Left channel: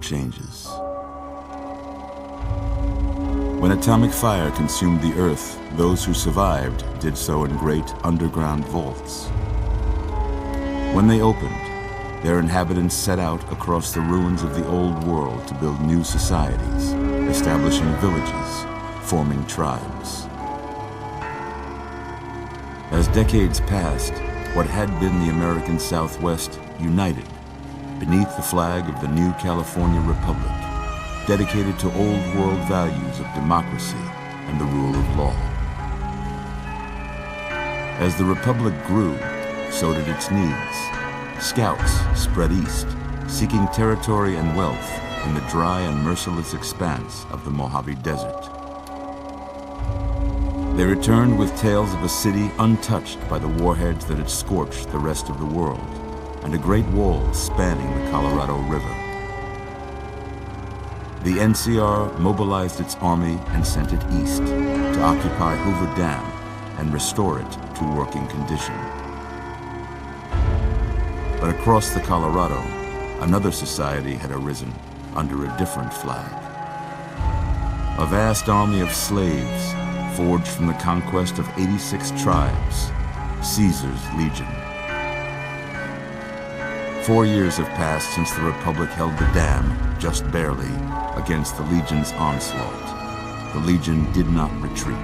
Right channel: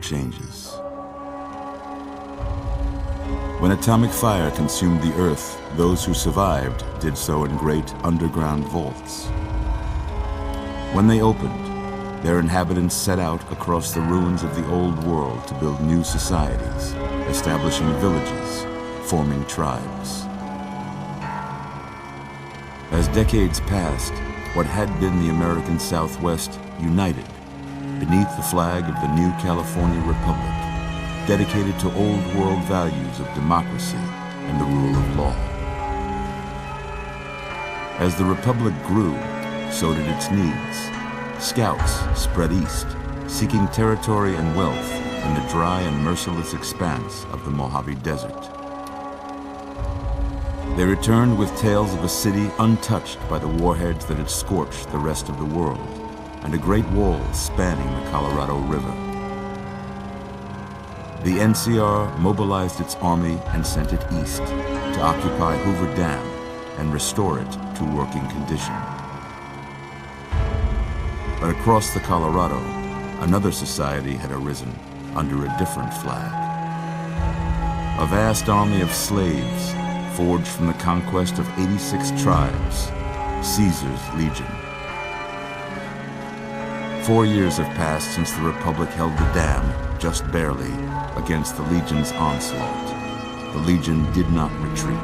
changes. When atomic fire consumed the Earth, those who survived did so in great underground vaults. When they opened, their inhabitants set out across the ruins of the old world to build new societies, establishing villages, forming tribes. As decades passed, what had been the American Southwest united beneath the flag of the new California Republic, dedicated to old world values of democracy and the rule of law. As the Republic grew, so did its needs. Scouts spread east, seeking territory and wealth in the dry and merciless expanse of the Mojave Desert. They returned with tales of a city untouched by the warheads that had scorched the rest of the world, and a great wall spanning the Colorado River. The NCR mobilized its army and sent it east to occupy Hoover Dam and restore it to working condition. But across the Colorado, another society had arisen under a different flag. A vast army of slaves forged from the conquest of 86 tribes, Caesar's Legion. 4 years have passed since the Republic held the dam, just barely, against the Legion's onslaught. The Legion did not retreat.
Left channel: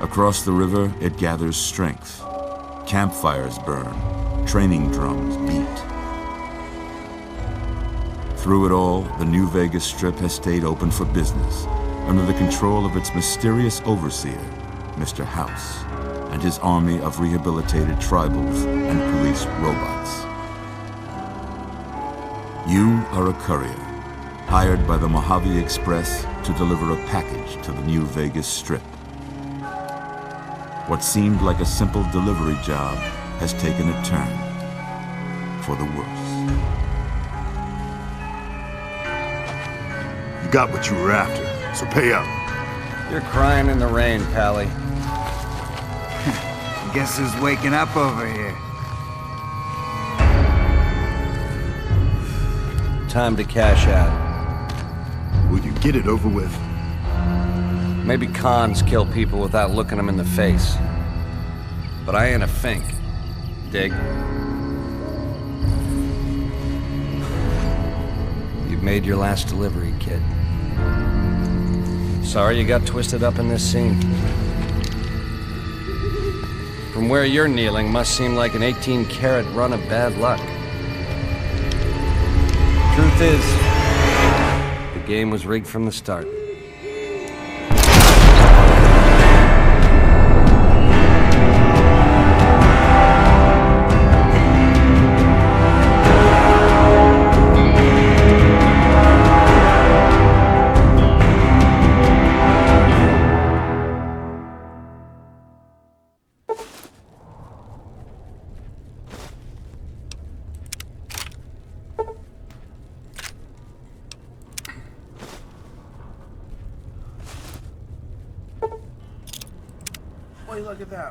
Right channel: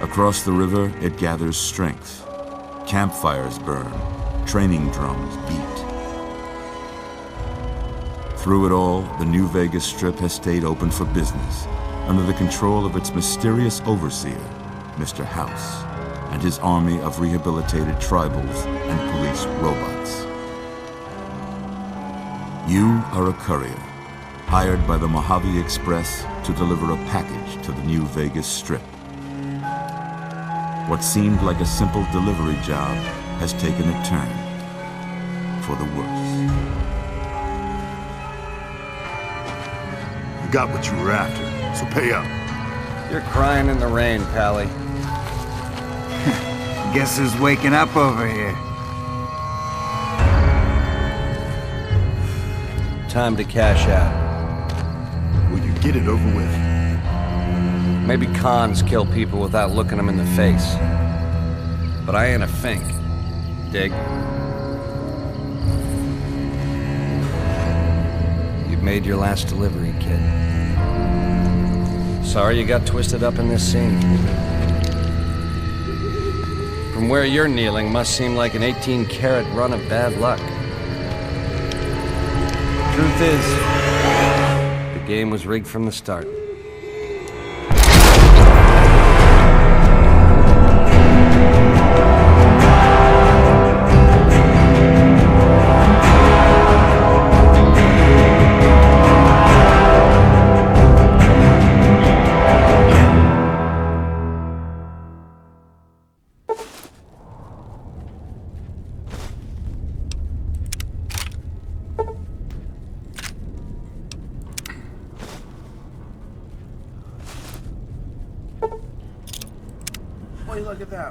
Across the river, it gathers strength. Campfires burn, training drums beat. Through it all, the New Vegas Strip has stayed open for business, under the control of its mysterious overseer, Mr. House, and his army of rehabilitated tribals and police robots. You are a courier, hired by the Mojave Express to deliver a package to the New Vegas Strip. What seemed like a simple delivery job has taken a turn for the worse. You got what you were after, so pay up. You're crying in the rain, Pally. Guess who's waking up over here? Time to cash out. Will you get it over with? Maybe cons kill people without looking them in the face. But I ain't a fink. Dig? You've made your last delivery, kid. Sorry you got twisted up in this scene. From where you're kneeling must seem like an 18-carat run of bad luck. Truth is, the game was rigged from the start.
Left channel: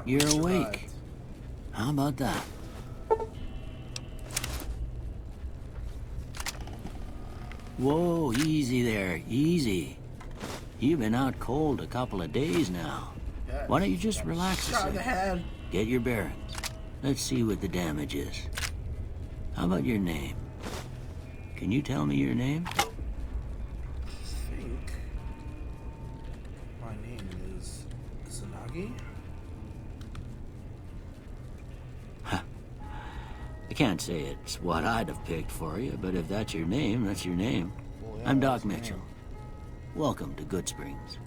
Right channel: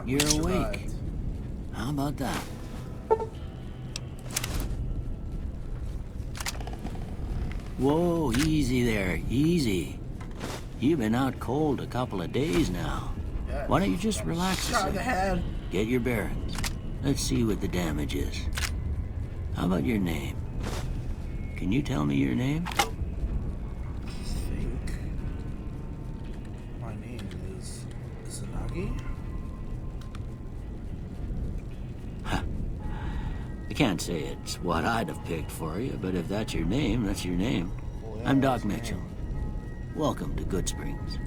You're awake. How about that? Whoa, easy there, easy. You've been out cold a couple of days now. Why don't you just relax a second? Get your bearings. Let's see what the damage is. How about your name? Can you tell me your name? My name is Tsunagi. I can't say it's what I'd have picked for you, but if that's your name, that's your name. I'm Doc Mitchell. Welcome to GOODSPRINGS.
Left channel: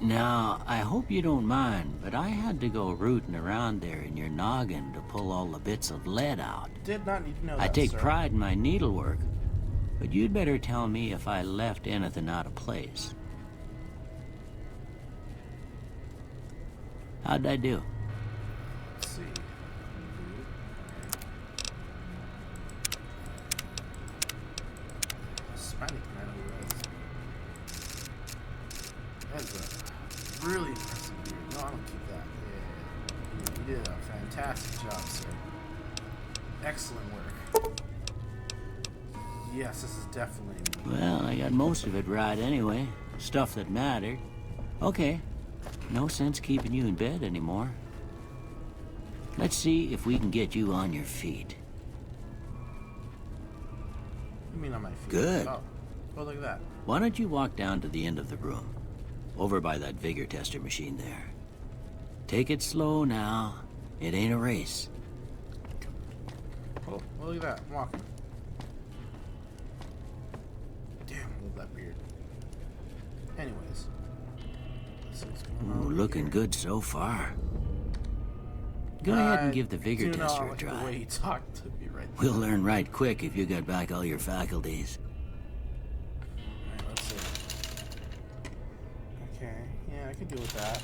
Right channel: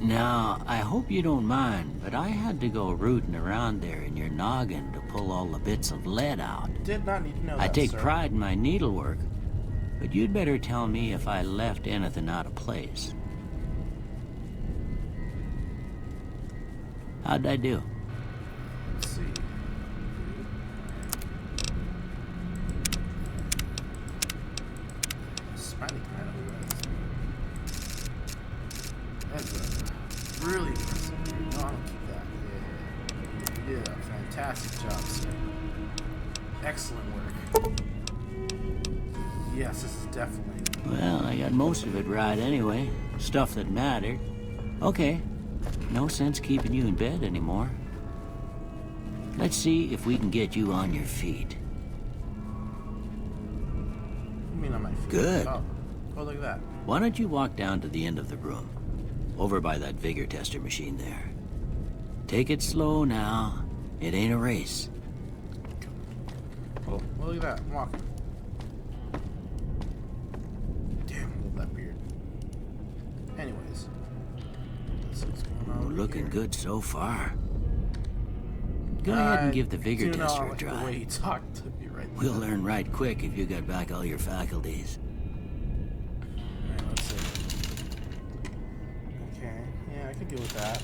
Now, I hope you don't mind, but I had to go rooting around there in your noggin to pull all the bits of lead out. Did not need to know I that, take sir. pride in my needlework, but you'd better tell me if I left anything out of place. How'd I do? Let's see. Hispanic man that's really impressive. No, I don't keep that. You did a fantastic job, sir. Excellent work. Yes, this is Definitely. Well, I got most of it right anyway. Stuff that mattered. Okay. No sense keeping you in bed anymore. Let's see if we can get you on your feet. You mean on my feet? Good. Oh, look at that. Why don't you walk down to the end of the room? Over by that vigor tester machine there. Take it slow now. It ain't a race. Oh, well, look at that. I'm walking. Damn, I love that beard. Anyways. Let's see what's going on. Looking good so far. Go ahead and give the vigor do not tester a like the try. way he talked to me right We'll learn right quick if you get back all your faculties. now. Let's see. Okay, yeah, I could deal with that.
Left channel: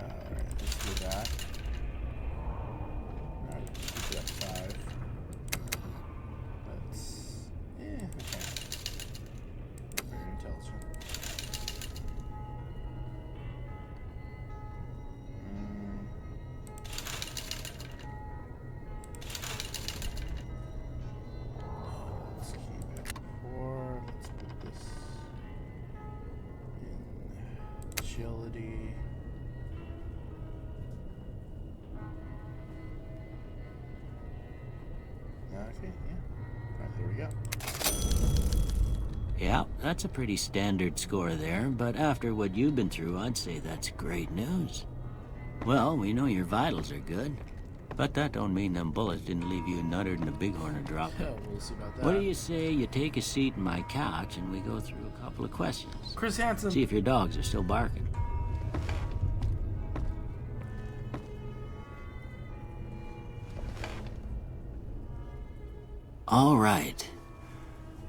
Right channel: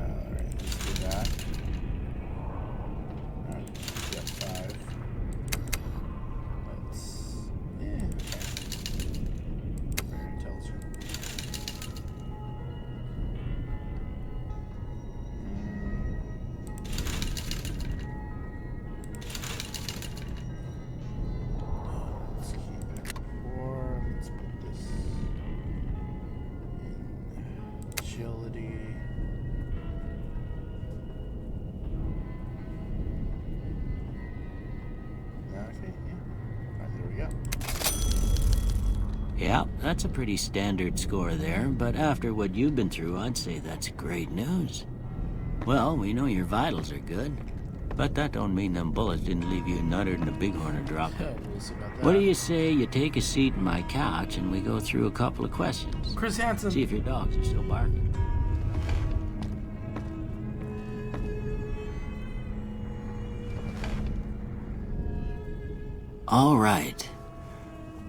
Alright, let's do that. That's 5. Let's... yeah. Intelligent. Let's keep it 4. Let's put this in agility. Yeah, I think, yeah. There we go. Yeah, that's a pretty standard score there, but after what you've been through, I'd say that's great news. Well, we know your vitals are good, but that don't mean them bullets didn't leave you nuttered in a bighorn or drop. We'll see about that. What do you say you take a seat in my couch and we go through a couple of questions? Chris Hansen. See if your dogs are still barking. All right.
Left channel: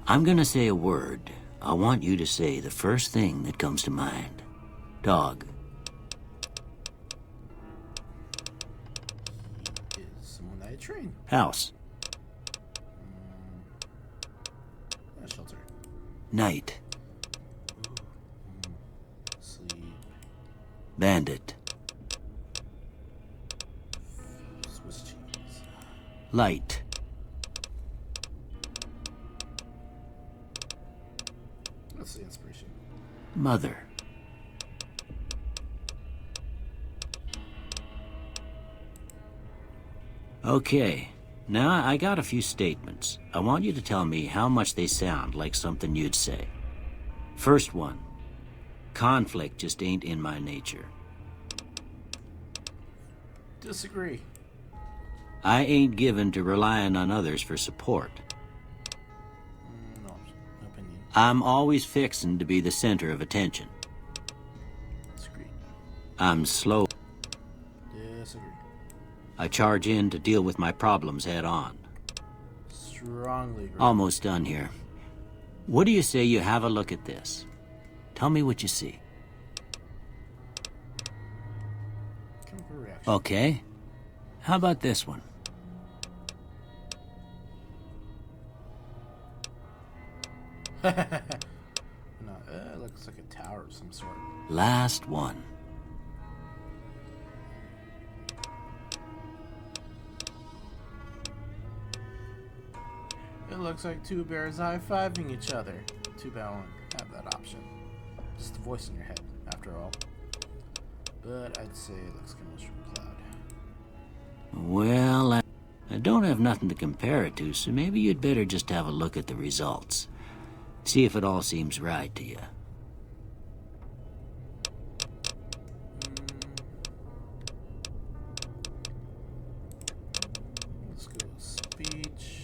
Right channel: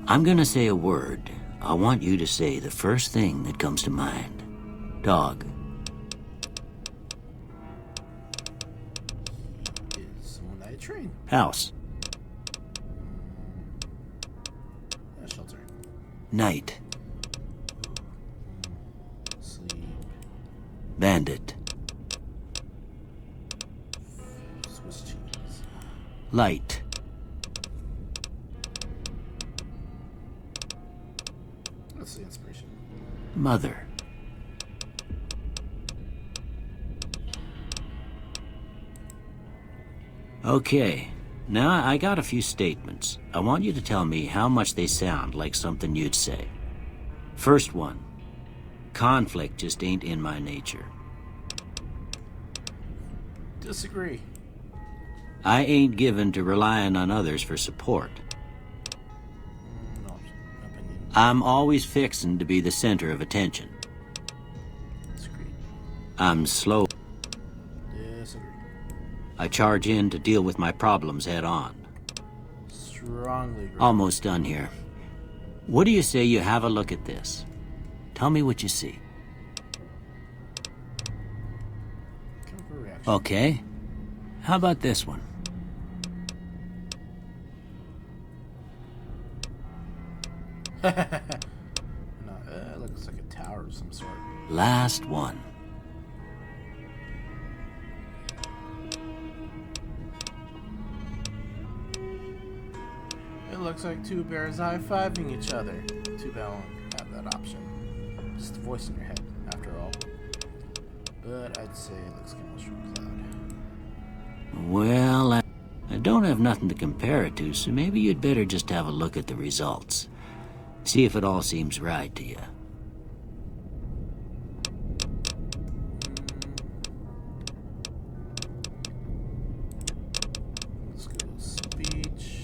I'm gonna say a word. I want you to say the first thing that comes to mind. Dog. Is someone I train. House. A shelter. Night. Sleep. Bandit. Swiss cheese. Light. Let's see inspiration. Mother. Okay. Now I got a few statements. I want you to tell me how much they sound like something you'd say. First one. Conflict just ain't in my nature. Disagree. I ain't given to relying on others for support. No opinion. I'm always fixin' to be the center of attention. Disagree. I'm slow. Disagree. I charge in to deal with my problems head on. Strongly agree. Almost done here. What do you say you have a look at this? Tell me what you see. Reaction. Okay. How about this one? No, it looks like a tower of some sort. Last one. It looks like two bears high-fiving each other. Too bad I don't have that option. Just the voice in your head, after all. But I'd say it looks kind of mushroom cloud. Well, I don't have nothing to compare it to, so maybe you'd better just have a look at the results. See if it all seems right to you. Let's go speech.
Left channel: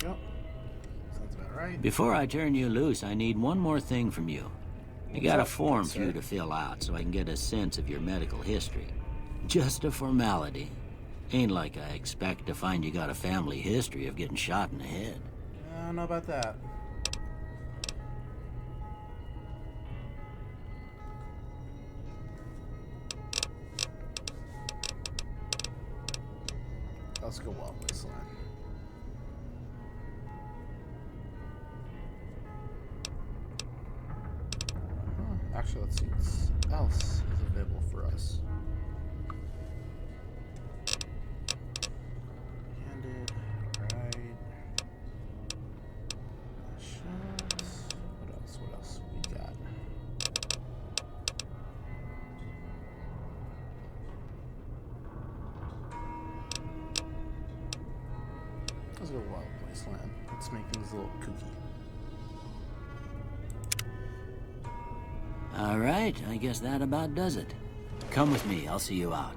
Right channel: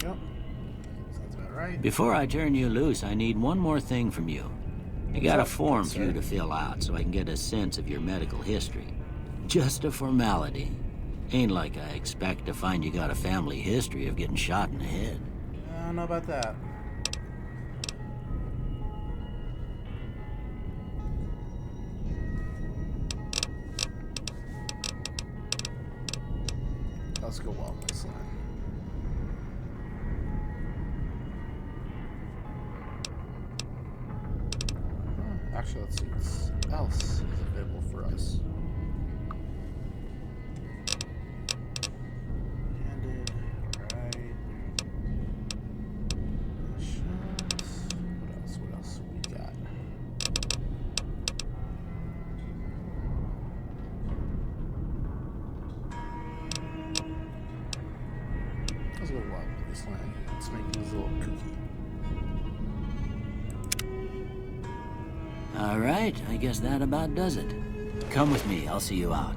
There we go. Sounds about right. Before I turn you loose, I need one more thing from you. I got a form for you to fill out so I can get a sense of your medical history. Just a formality. Ain't like I expect to find you got a family history of getting shot in the head. I don't know about that. Let's go Actually, let's see what else is available for us. What else we got? There's a Mojave Wasteland. Let's make this little cookie. All right, I guess that about does it. Come with me, I'll see you out.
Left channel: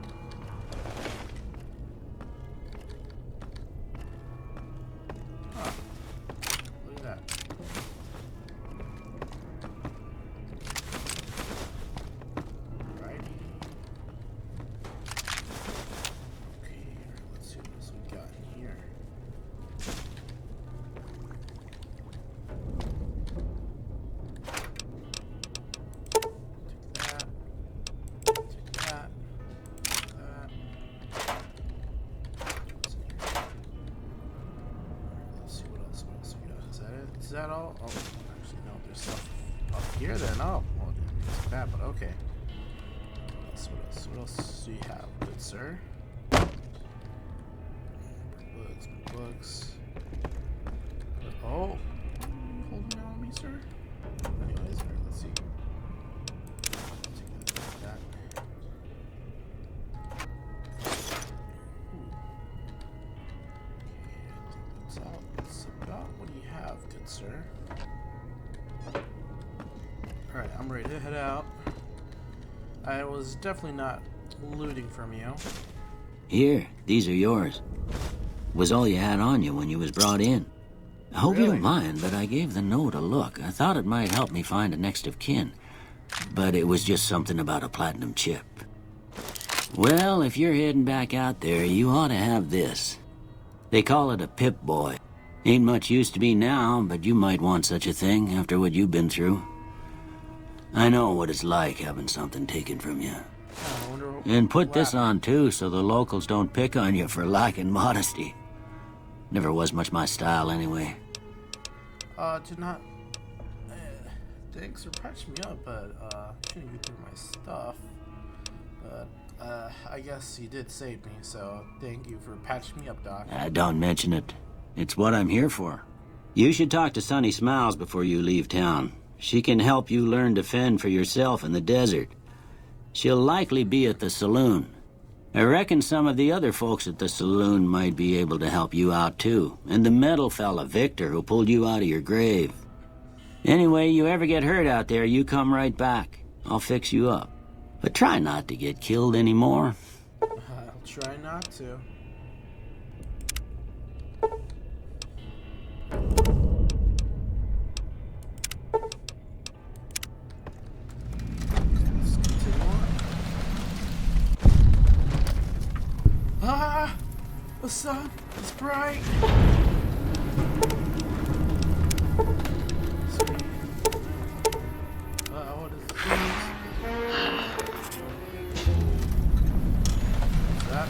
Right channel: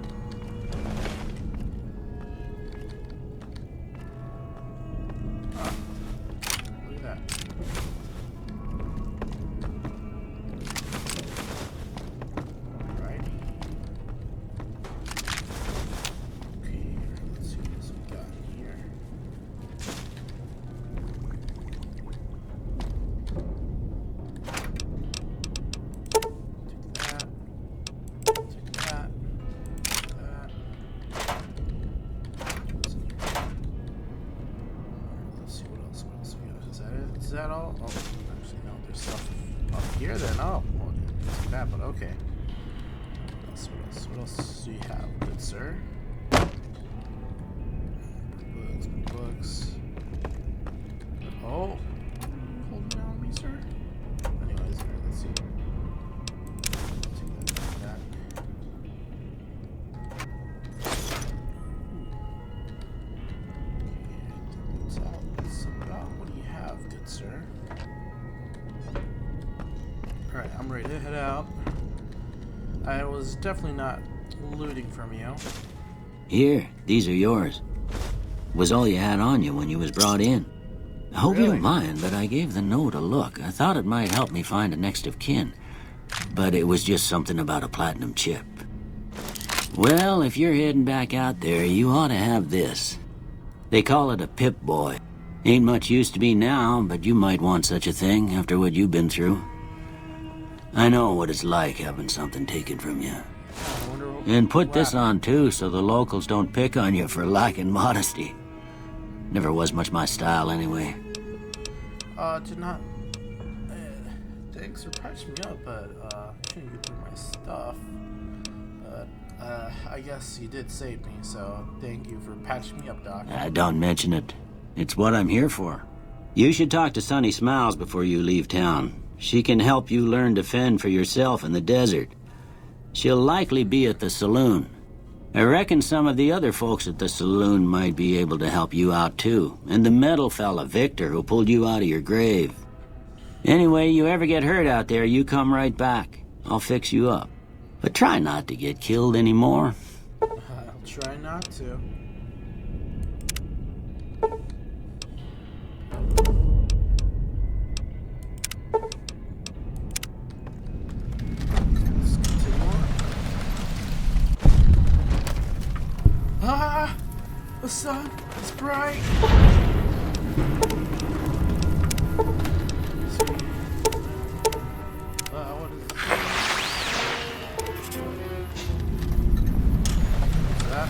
Look at that. Alright. Okay, let's see what else we got here. Is that all? Oh, actually, no, there's stuff up here then. Oh, well, it's bad, but okay. Let's see what else. What else do you have, good sir? Books. Oh, holding down on me, sir? Anyways, let's see. What do you have, good sir? Alright, I'm ready to head out. I was definitely not looting from you. Here, these are yours. Was all you had on you when you was brought in. I hope you don't mind, but I gave the note a look. I thought it might help me find a next of kin. But it was just something about a platinum chip. Well, if you're heading back out there, you ought to have this. They call it a Pip-Boy. Ain't much use to me now, but you might want such a thing after what you've been through. I know what it's like having something taken from you. And put this on too, so the locals don't pick on you for lacking modesty. Never was much my style anyway. Did not. Thanks for patching me up, but couldn't get through my stuff. But I guess you did save me, so thank you for patching me up, Doc. Don't mention it. It's what I'm here for. You should talk to Sunny Smiles before you leave town. She can help you learn to fend for yourself in the desert. She'll likely be at the saloon. I reckon some of the other folks at the saloon might be able to help you out too. And the metal fella, Victor, who pulled you out of your grave. Anyway, you ever get hurt out there, you come right back. I'll fix you up. But try not to get killed anymore. I'll try not to. Ah! The sun is bright! Sweet. What is this? That?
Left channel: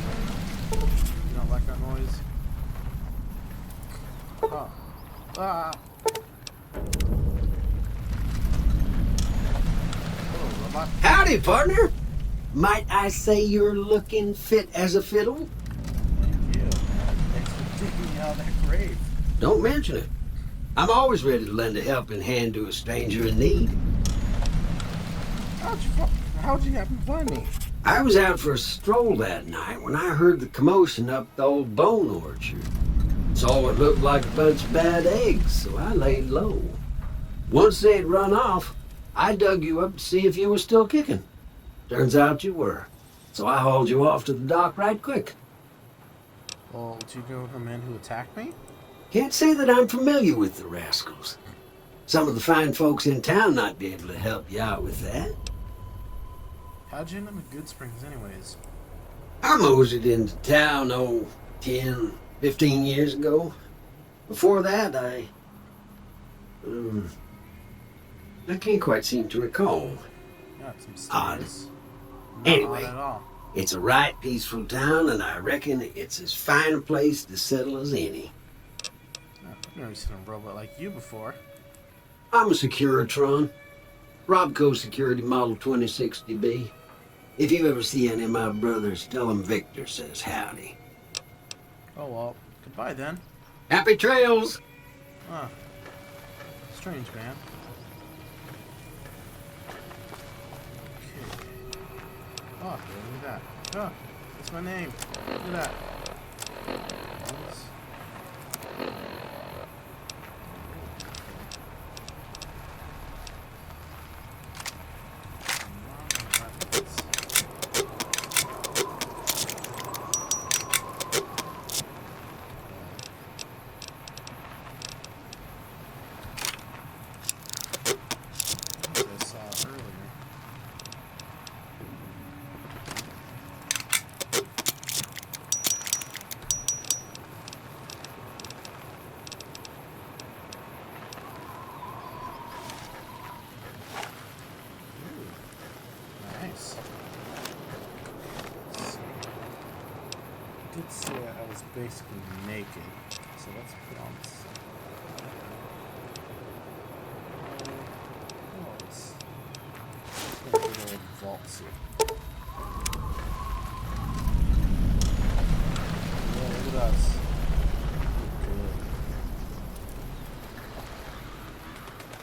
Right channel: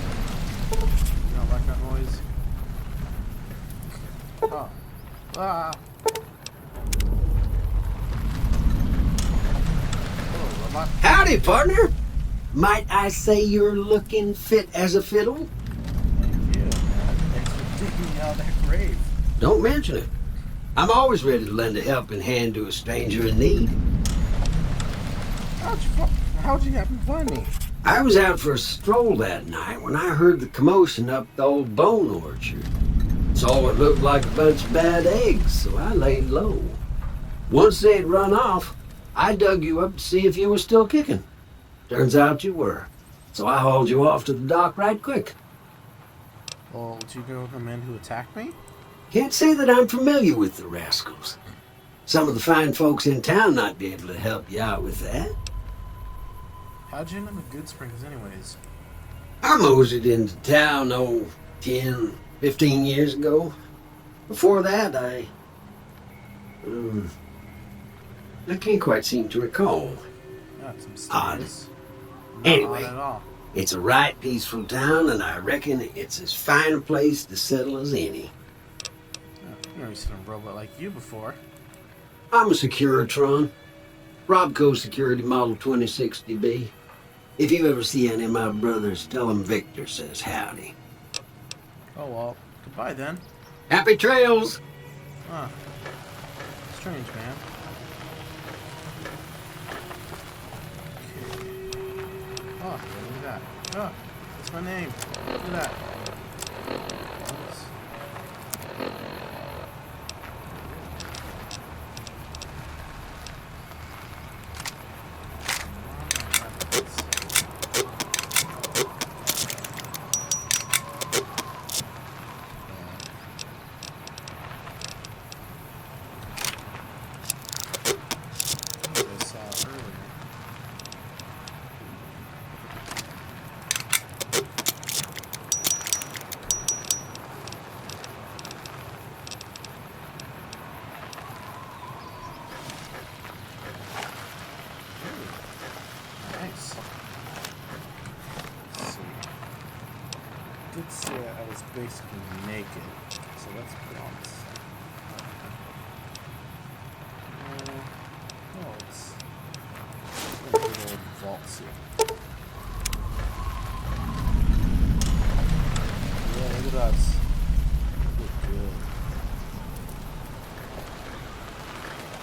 You don't like that noise? Oh. Ah. Oh, robot. Howdy, partner. Might I say you're looking fit as a fiddle? Yeah. Thanks for taking me out of the grave. Don't mention it. I'm always ready to lend a helping hand to a stranger in need. How'd you happen to find me? I was out for a stroll that night when I heard the commotion up the old bone orchard. Saw what looked like a bunch of bad eggs, so I laid low. Once they'd run off, I dug you up to see if you were still kicking. Turns out you were. So I hauled you off to the dock right quick. Oh, did you know the man who attacked me? Can't say that I'm familiar with the rascals. Some of the fine folks in town might be able to help you out with that. How'd you end up at GOODSPRINGS anyways? I moseyed into town, 10, 15 years ago. Before that, I can't quite seem to recall. Got some Odd. stories. Anyway, Not at all. it's a right peaceful town, and I reckon it's as fine a place to settle as any. I've never seen a robot like you before. I'm a Securitron. Robco Security Model 2060B. If you ever see any of my brothers, tell them Victor says howdy. Oh well, goodbye then. Happy trails! Huh. Strange, man. Oh, look at that. Huh. That's my name. Look at that. Good say I was basically naked, so let's be honest. Vaults here. Yeah, look at us.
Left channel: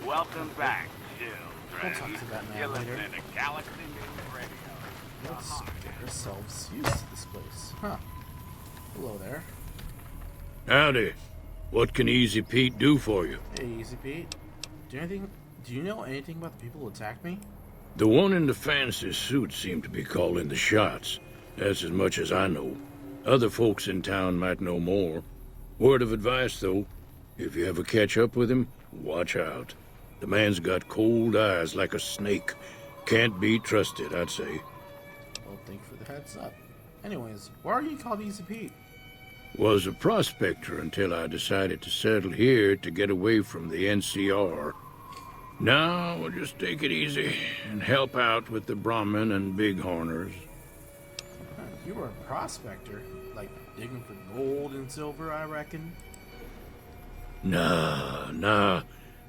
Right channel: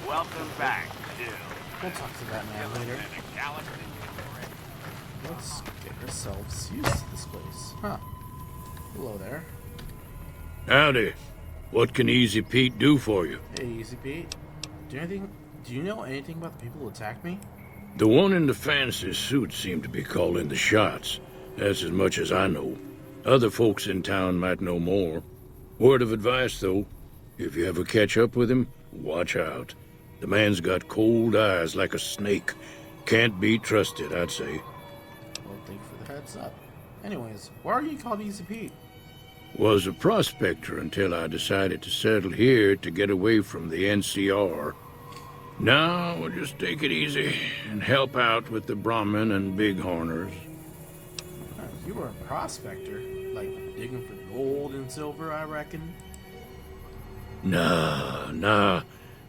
Welcome back, Jill. I'll talk to that man later. Let's get ourselves used to this place. Huh. Hello there. Howdy. What can Easy Pete do for you? Hey, Easy Pete. Do you know anything about the people who attacked me? The one in the fancy suit seemed to be calling the shots. That's as much as I know. Other folks in town might know more. Word of advice, though. If you ever catch up with him, watch out. The man's got cold eyes like a snake. Can't be trusted, I'd say. Well, thank you for the heads up. Anyways, why are you called Easy Pete? Was a prospector until I decided to settle here to get away from the NCR. Now we'll just take it easy and help out with the Brahmin and Bighorners. You were a prospector? Like, digging for gold and silver, I reckon? Nah.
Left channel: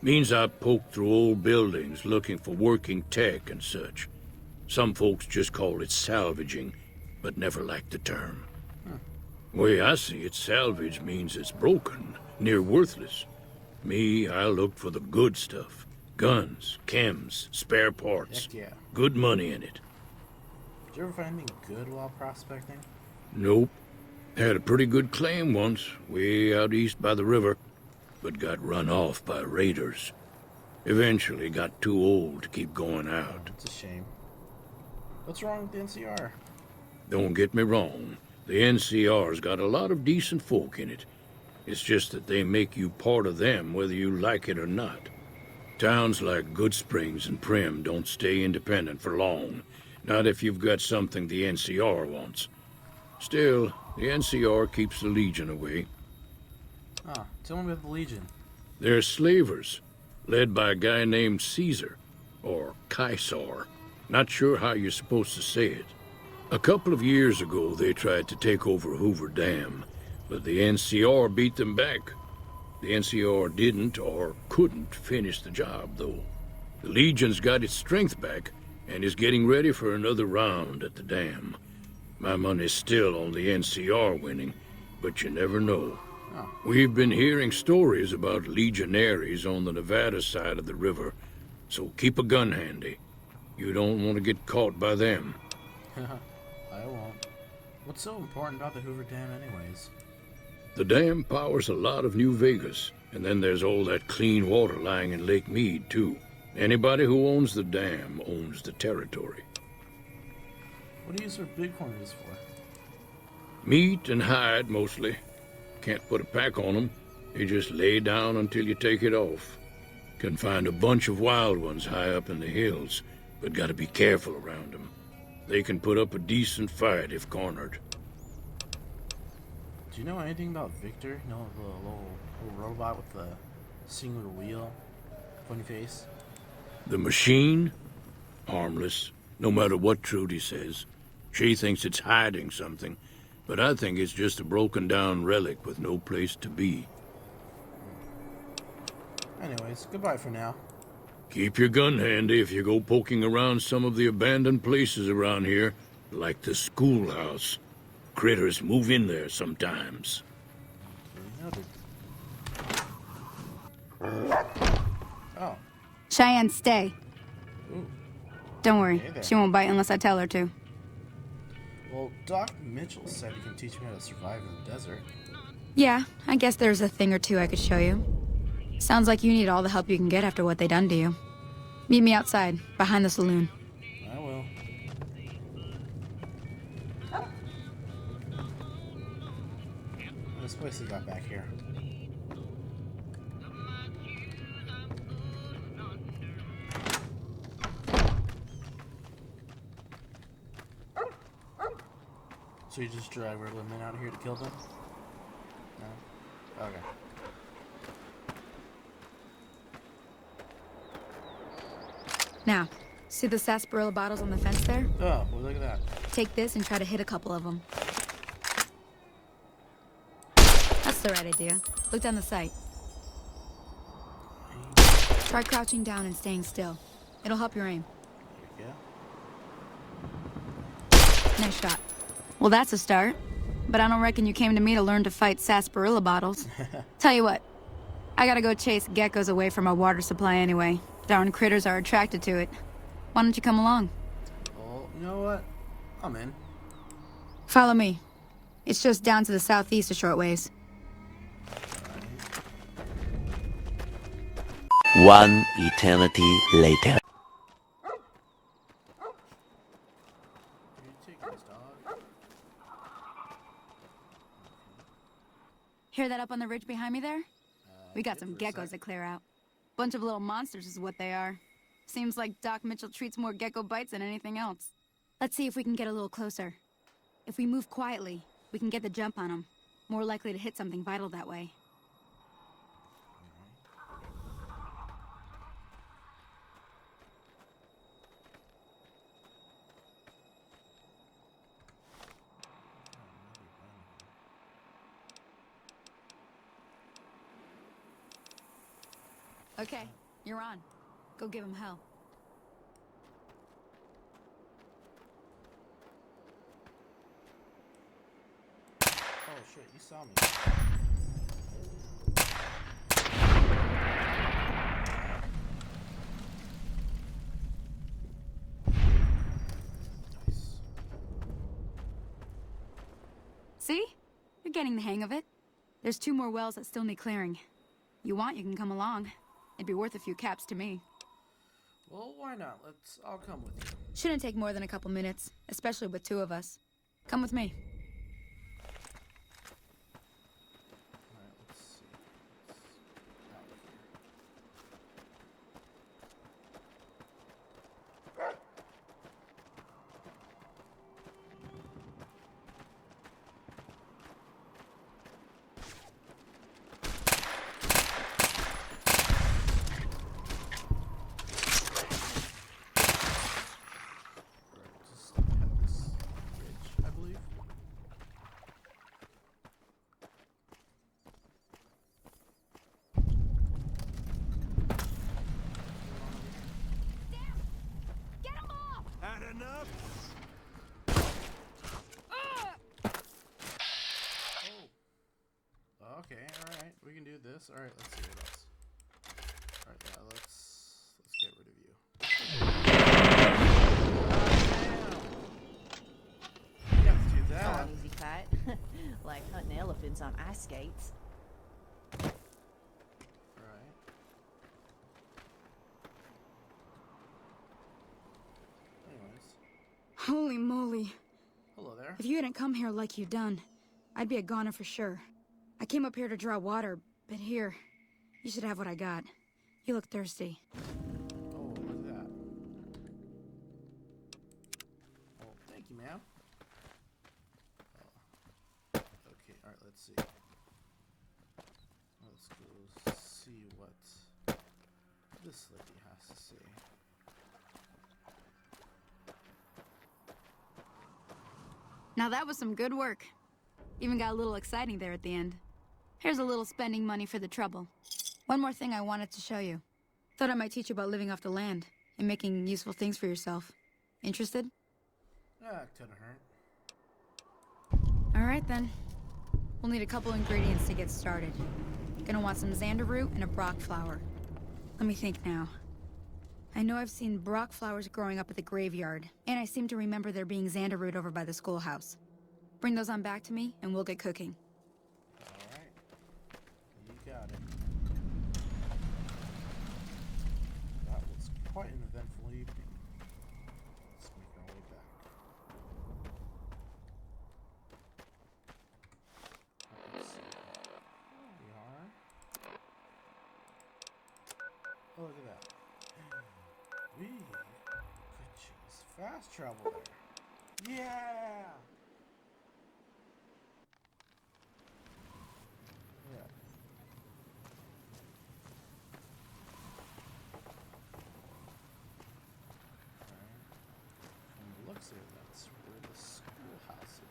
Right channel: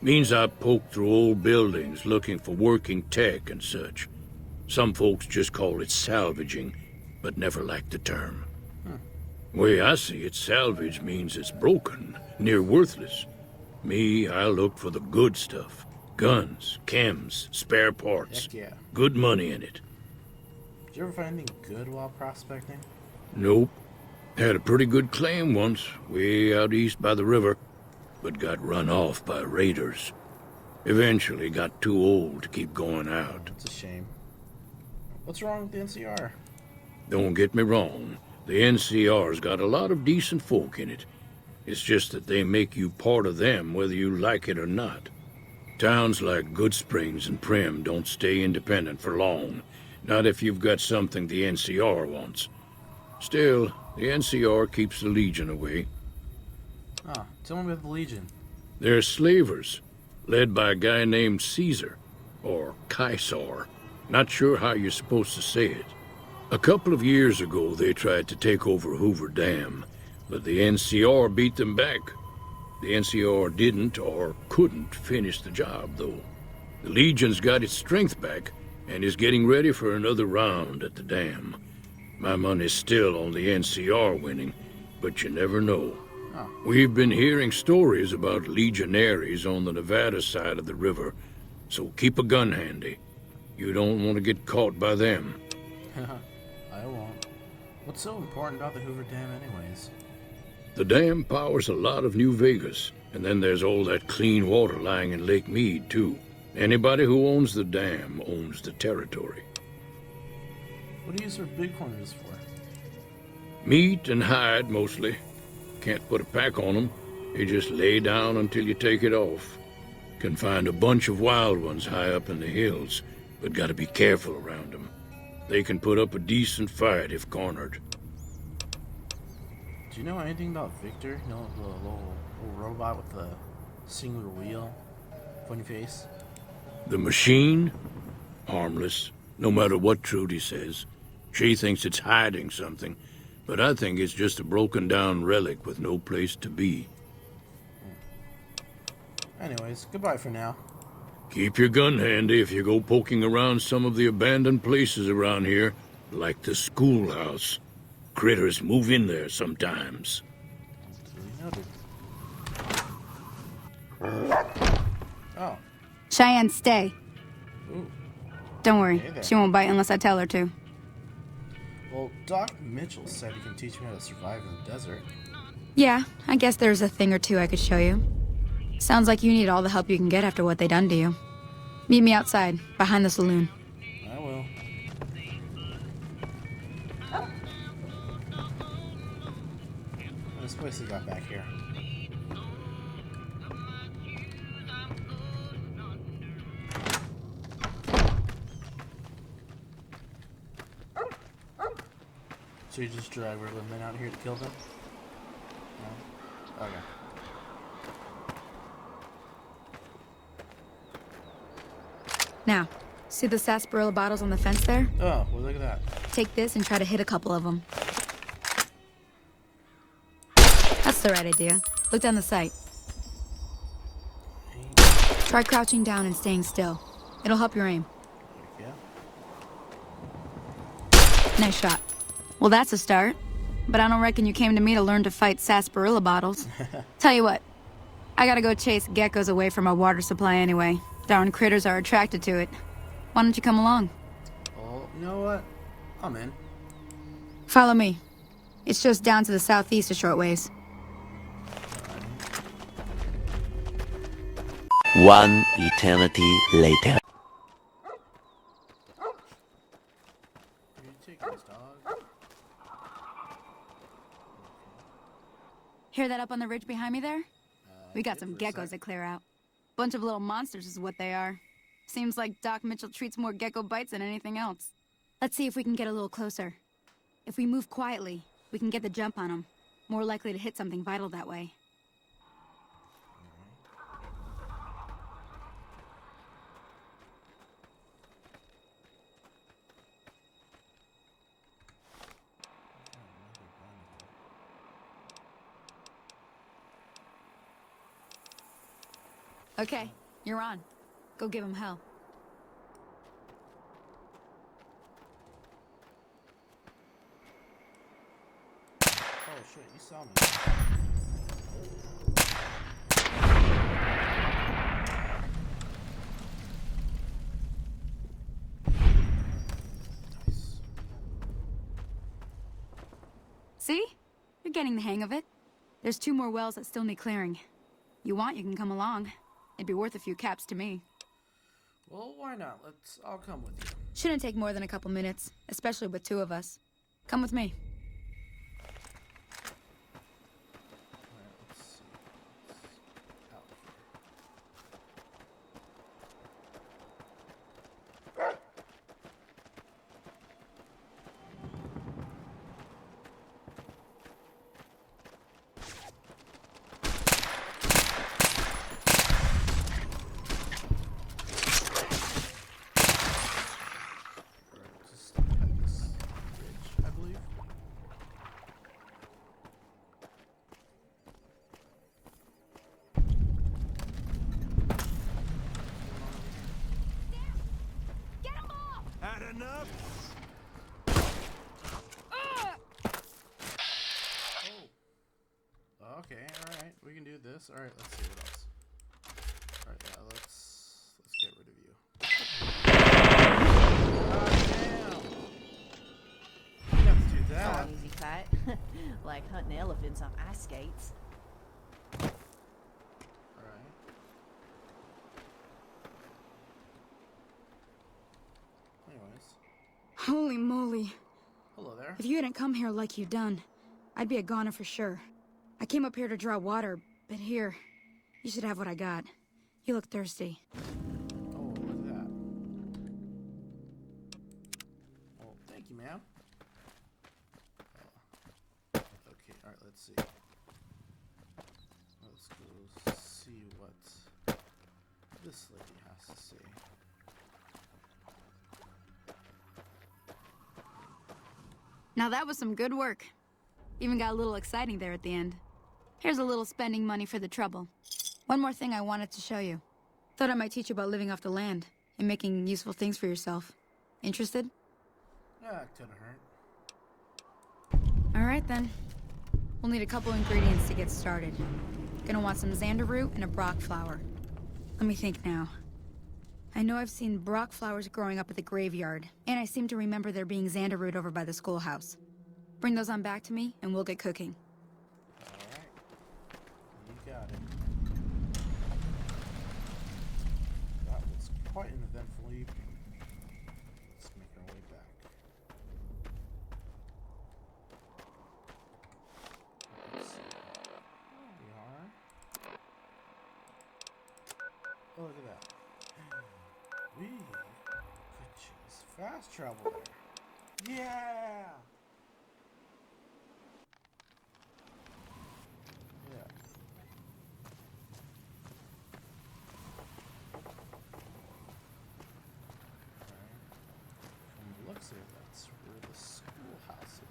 Means I poke through old buildings looking for working tech and such. Some folks just call it salvaging, but never liked the term. Way I see it, salvage means it's broken, near worthless. Me, I look for the good stuff. Guns, chems, spare parts. Heck yeah. Good money in it. Did you ever find anything good while prospecting? Nope. Had a pretty good claim once, way out east by the river, but got run off by raiders. Eventually got too old to keep going out. It's a shame. What's wrong with the NCR? Don't get me wrong. The NCR's got a lot of decent folk in it. It's just that they make you part of them whether you like it or not. Towns like GOODSPRINGS and Primm don't stay independent for long. Not if you've got something the NCR wants. Still, the NCR keeps the Legion away. Oh, tell me about the Legion. They're slavers, led by a guy named Caesar, or Caesar. Not sure how you're supposed to say it. A couple of years ago, they tried to take over Hoover Dam, but the NCR beat them back. The NCR didn't or couldn't finish the job, though. The Legion's got its strength back and is getting ready for another round at the dam. My money's still on the NCR winning, but you never know. We've been hearing stories about legionaries on the Nevada side of the river, so keep a gun handy. You don't want to get caught by them. I won't. What's so important about the Hoover Dam anyways? The dam powers a lot of New Vegas, and then there's all that clean water lying in Lake Mead, too. Anybody who owns the dam owns the territory. What do you use for bighorns for? Meat and hide, mostly. Can't put a pack on them. You just lay down until you take it off. Can find a bunch of wild ones high up in the hills, but gotta be careful around them. They can put up a decent fight if cornered. Do you know anything about Victor? No, the little robot with the singular wheel, pointy face? The machine? Harmless, no matter what Trudy says. She thinks it's hiding something, but I think it's just a broken down relic with no place to be. Anyways, goodbye for now. Keep your gun handy if you go poking around some of the abandoned places around here, like the schoolhouse. Critters move in there sometimes. Noted. Oh. Cheyenne, stay. Ooh. Don't worry, Okay, then. she won't bite unless I tell her to. Well, Doc Mitchell said he can teach me how to survive in the desert. Yeah, I guess there's a thing or two I could show you. Sounds like you need all the help you can get after what they done to you. Meet me outside, behind the saloon. I will. This place we got back here. So you just drag regular men out here to kill them? Yeah. Okay. Now, see the sarsaparilla bottles on the fence there? Oh, well look at that. Take this and try to hit a couple of them. That's the right idea. Look down the sight. Try crouching down and staying still. It'll help your aim. Yeah. Nice shot. Well, that's a start. But I don't reckon you came to me to learn to fight sarsaparilla bottles. Tell you what, I gotta go chase geckos away from our water supply anyway. Darn critters are attracted to it. Why don't you come along? Well, you know what? I'm in. Follow me. It's just down to the southeast a short ways. One eternity later. Are you taking this dog? Hear that up on the ridge behind me there? We got some geckos to clear out. Bunch of little monsters is what they are. Seems like Doc Mitchell treats more gecko bites than anything else. Let's see if we can get a little closer. If we move quietly, we can get the jump on them. More likely to hit something vital that way. Okay, you're on. Go give him hell. Oh shit, you saw me. See? You're getting the hang of it. There's 2 more wells that still need clearing. You want, you can come along. It'd be worth a few caps to me. Well, why not? I'll come with you. Shouldn't take more than a couple minutes, especially with 2 of us. Come with me. I believe. Get him off! Not enough? Okay, alright. We can do this. Alright, let's see what else. Alright, let's get rid of you. Let's do that. Easy fight. Like hunting elephants on ice skates. Alright. Anyways. Holy moly. Hello there. If you hadn't come here like you done, I'd be a goner for sure. I came up here to draw water, but here, you should have what I got. You look thirsty. Oh, look at that. Oh, thank you, ma'am. Okay, alright, let's see. Let's go see what this lady has to see. Now that was some good work. Even got a little exciting there at the end. Here's a little spending money for the trouble. One more thing I wanted to show you. Thought I might teach you about living off the land and making useful things for yourself. Interested? It couldn't hurt. Alright then. We'll need a couple ingredients to get started. Gonna want some xander root and a brock flower. Let me think now. I know I've seen brock flowers growing up at the graveyard, and I seem to remember there being xander root over by the schoolhouse. Bring those on back to me, and we'll get cooking. Alright. You got it. That was quite an eventful evening. Let's make our way back. Let's see. There we are. Oh, look at that. Fast travel. Yeah! From the looks of it, that's where the schoolhouse is.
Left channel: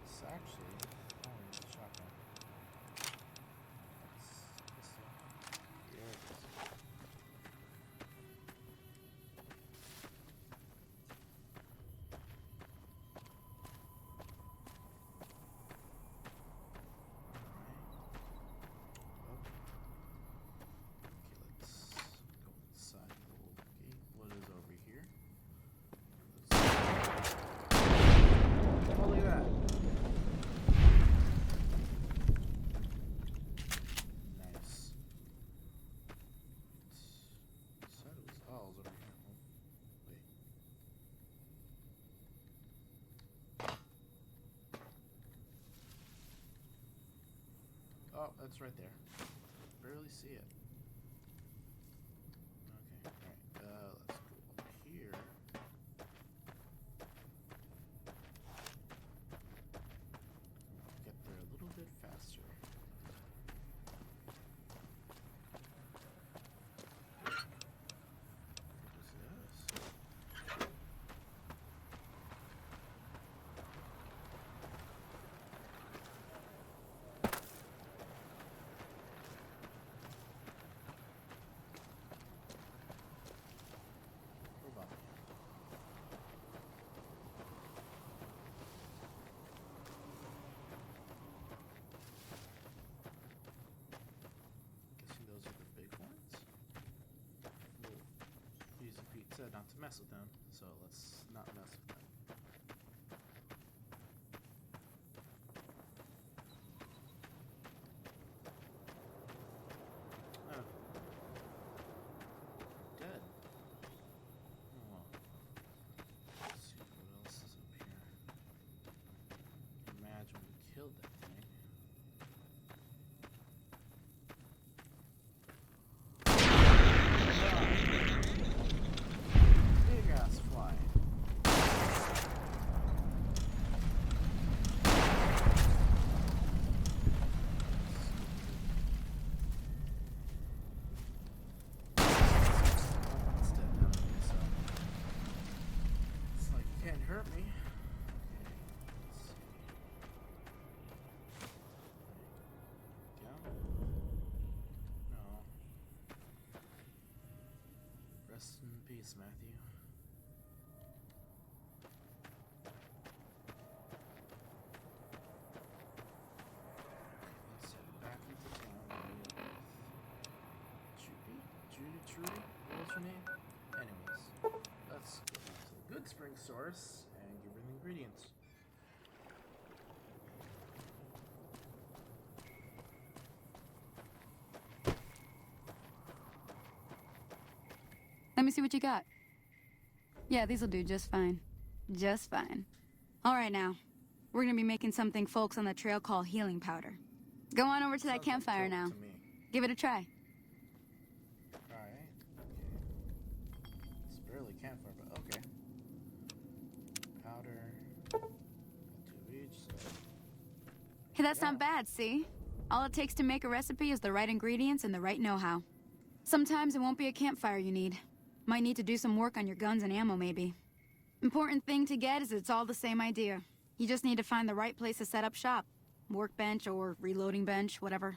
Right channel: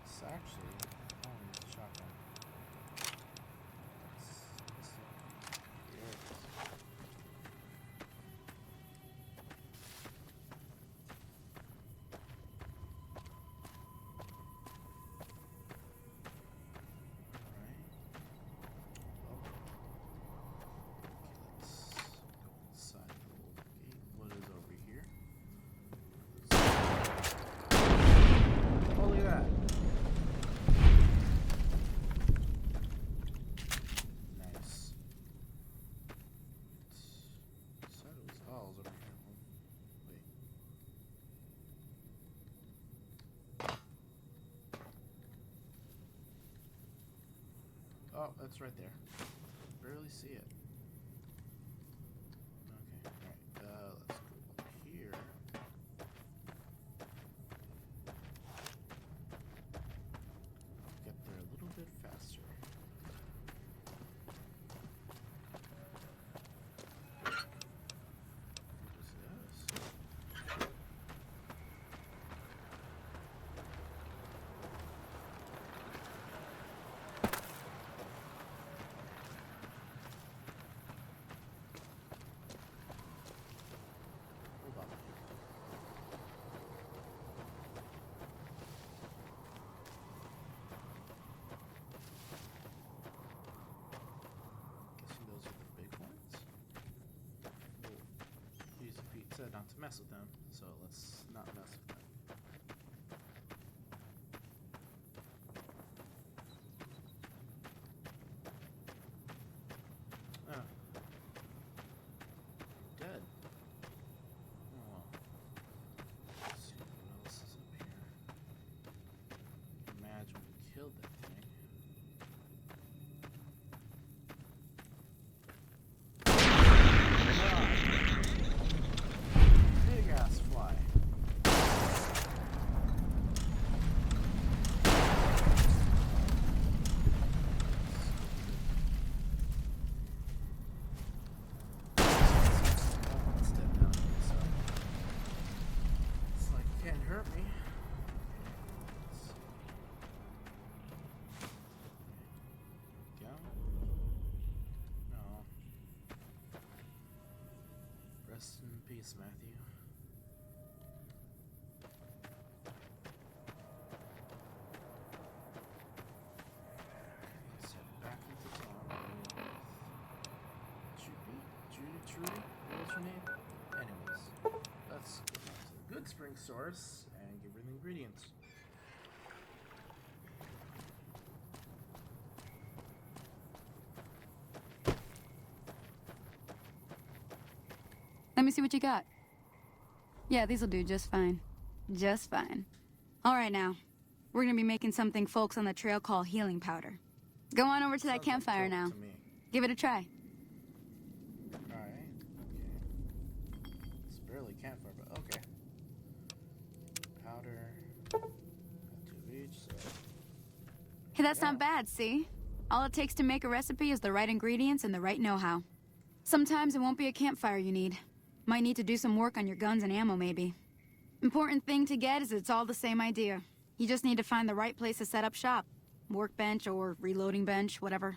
It's actually shotgun. There it is. Oh, that's right there. Barely see it. Okay. Let's go up here. Get there a little bit faster. Pete said not to mess with them, so let's not mess with them. Oh. Dead. Oh well. Let's see what else is up here. Imagine we killed that thing. Rest in peace, Matthew. Judy, what's your name? Anyways, let's go to the Good Spring source and give her the ingredients. Let me see what you got. Yeah, these'll do just fine. Just fine. Alright now. We're gonna be making something folks on the trail call healing powder. Go on over to that campfire now. Give it a try. Alright. Okay. It's barely campfire, but okay. Powder. 2 of each, so. Hey, that's not bad, see? All it takes to make a recipe is the right ingredients and the right know-how. Sometimes it won't be a campfire you need. Might need to do some work on your guns and ammo, maybe. Important thing to get is it's all the same idea. You just need to find the right place to set up shop. Workbench or reloading bench, whatever.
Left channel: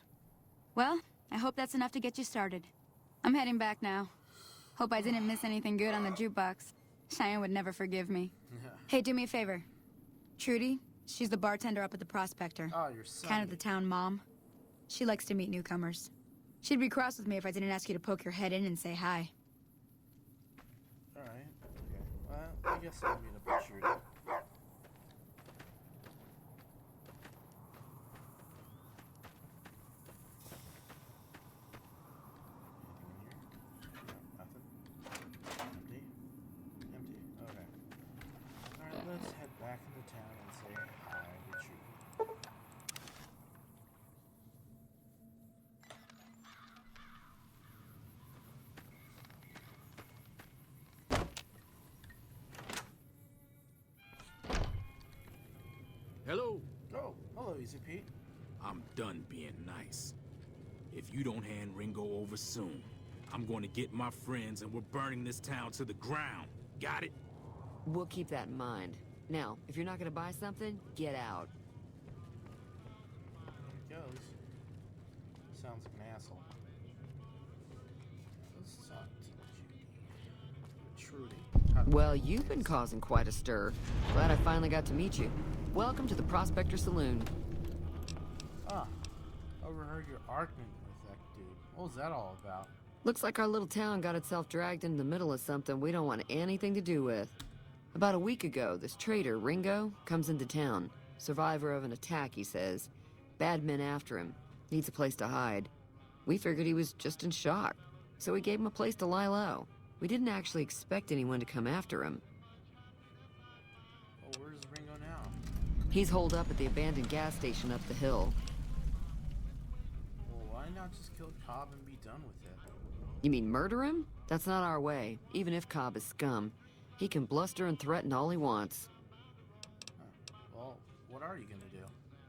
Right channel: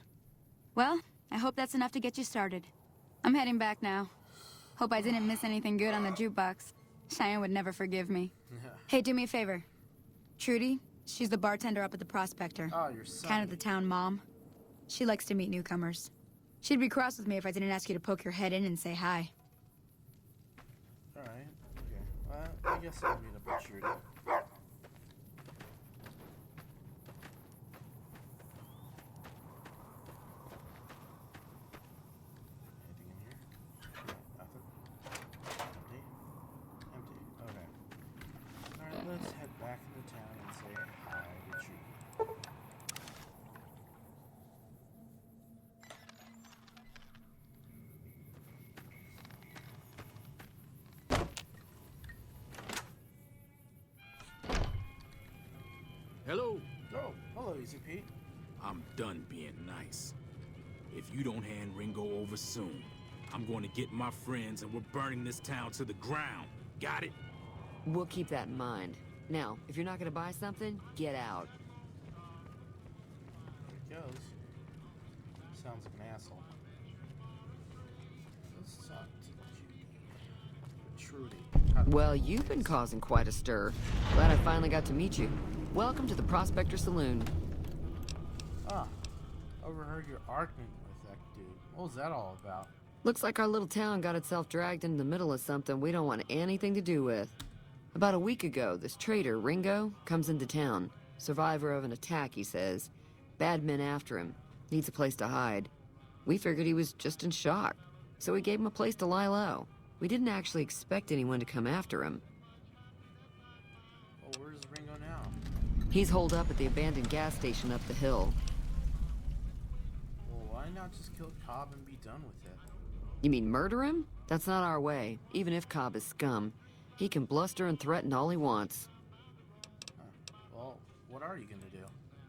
Well, I hope that's enough to get you started. I'm heading back now. Hope I didn't miss anything good on the jukebox. Cheyenne would never forgive me. Hey, do me a favor. Trudy, she's the bartender up at the Prospector. Oh, your son. Kind of the town mom. She likes to meet newcomers. She'd be cross with me if I didn't ask you to poke your head in and say hi. Alright, okay. I guess I'll meet up with Trudy. Let's head back into town and say hi to Trudy. Hello. Oh, hello, Easy Pete. I'm done being nice. If you don't hand Ringo over soon, I'm going to get my friends and we're burning this town to the ground. Got it? We'll keep that in mind. Now, if you're not gonna buy something, get out. There it goes. Sounds like an asshole. Let's talk to Trudy. Well, you've been causing quite a stir. Glad I finally got to meet you. Welcome to the Prospector Saloon. Ah, overheard your argument with that dude. What was that all about? Looks like our little town got itself dragged into the middle of something we don't want anything to do with. About a week ago, this traitor, Ringo, comes into town. Survivor of an attack, he says. Bad men after him. Needs a place to hide. We figured he was just in shock, so we gave him a place to lie low. We didn't actually expect anyone to come after him. Well, where's Ringo now? He's holed up at the abandoned gas station up the hill. Well, why not just kill Cobb and be done with it? You mean murder him? That's not our way, even if Cobb is scum. He can bluster and threaten all he wants. Well, what are you gonna do?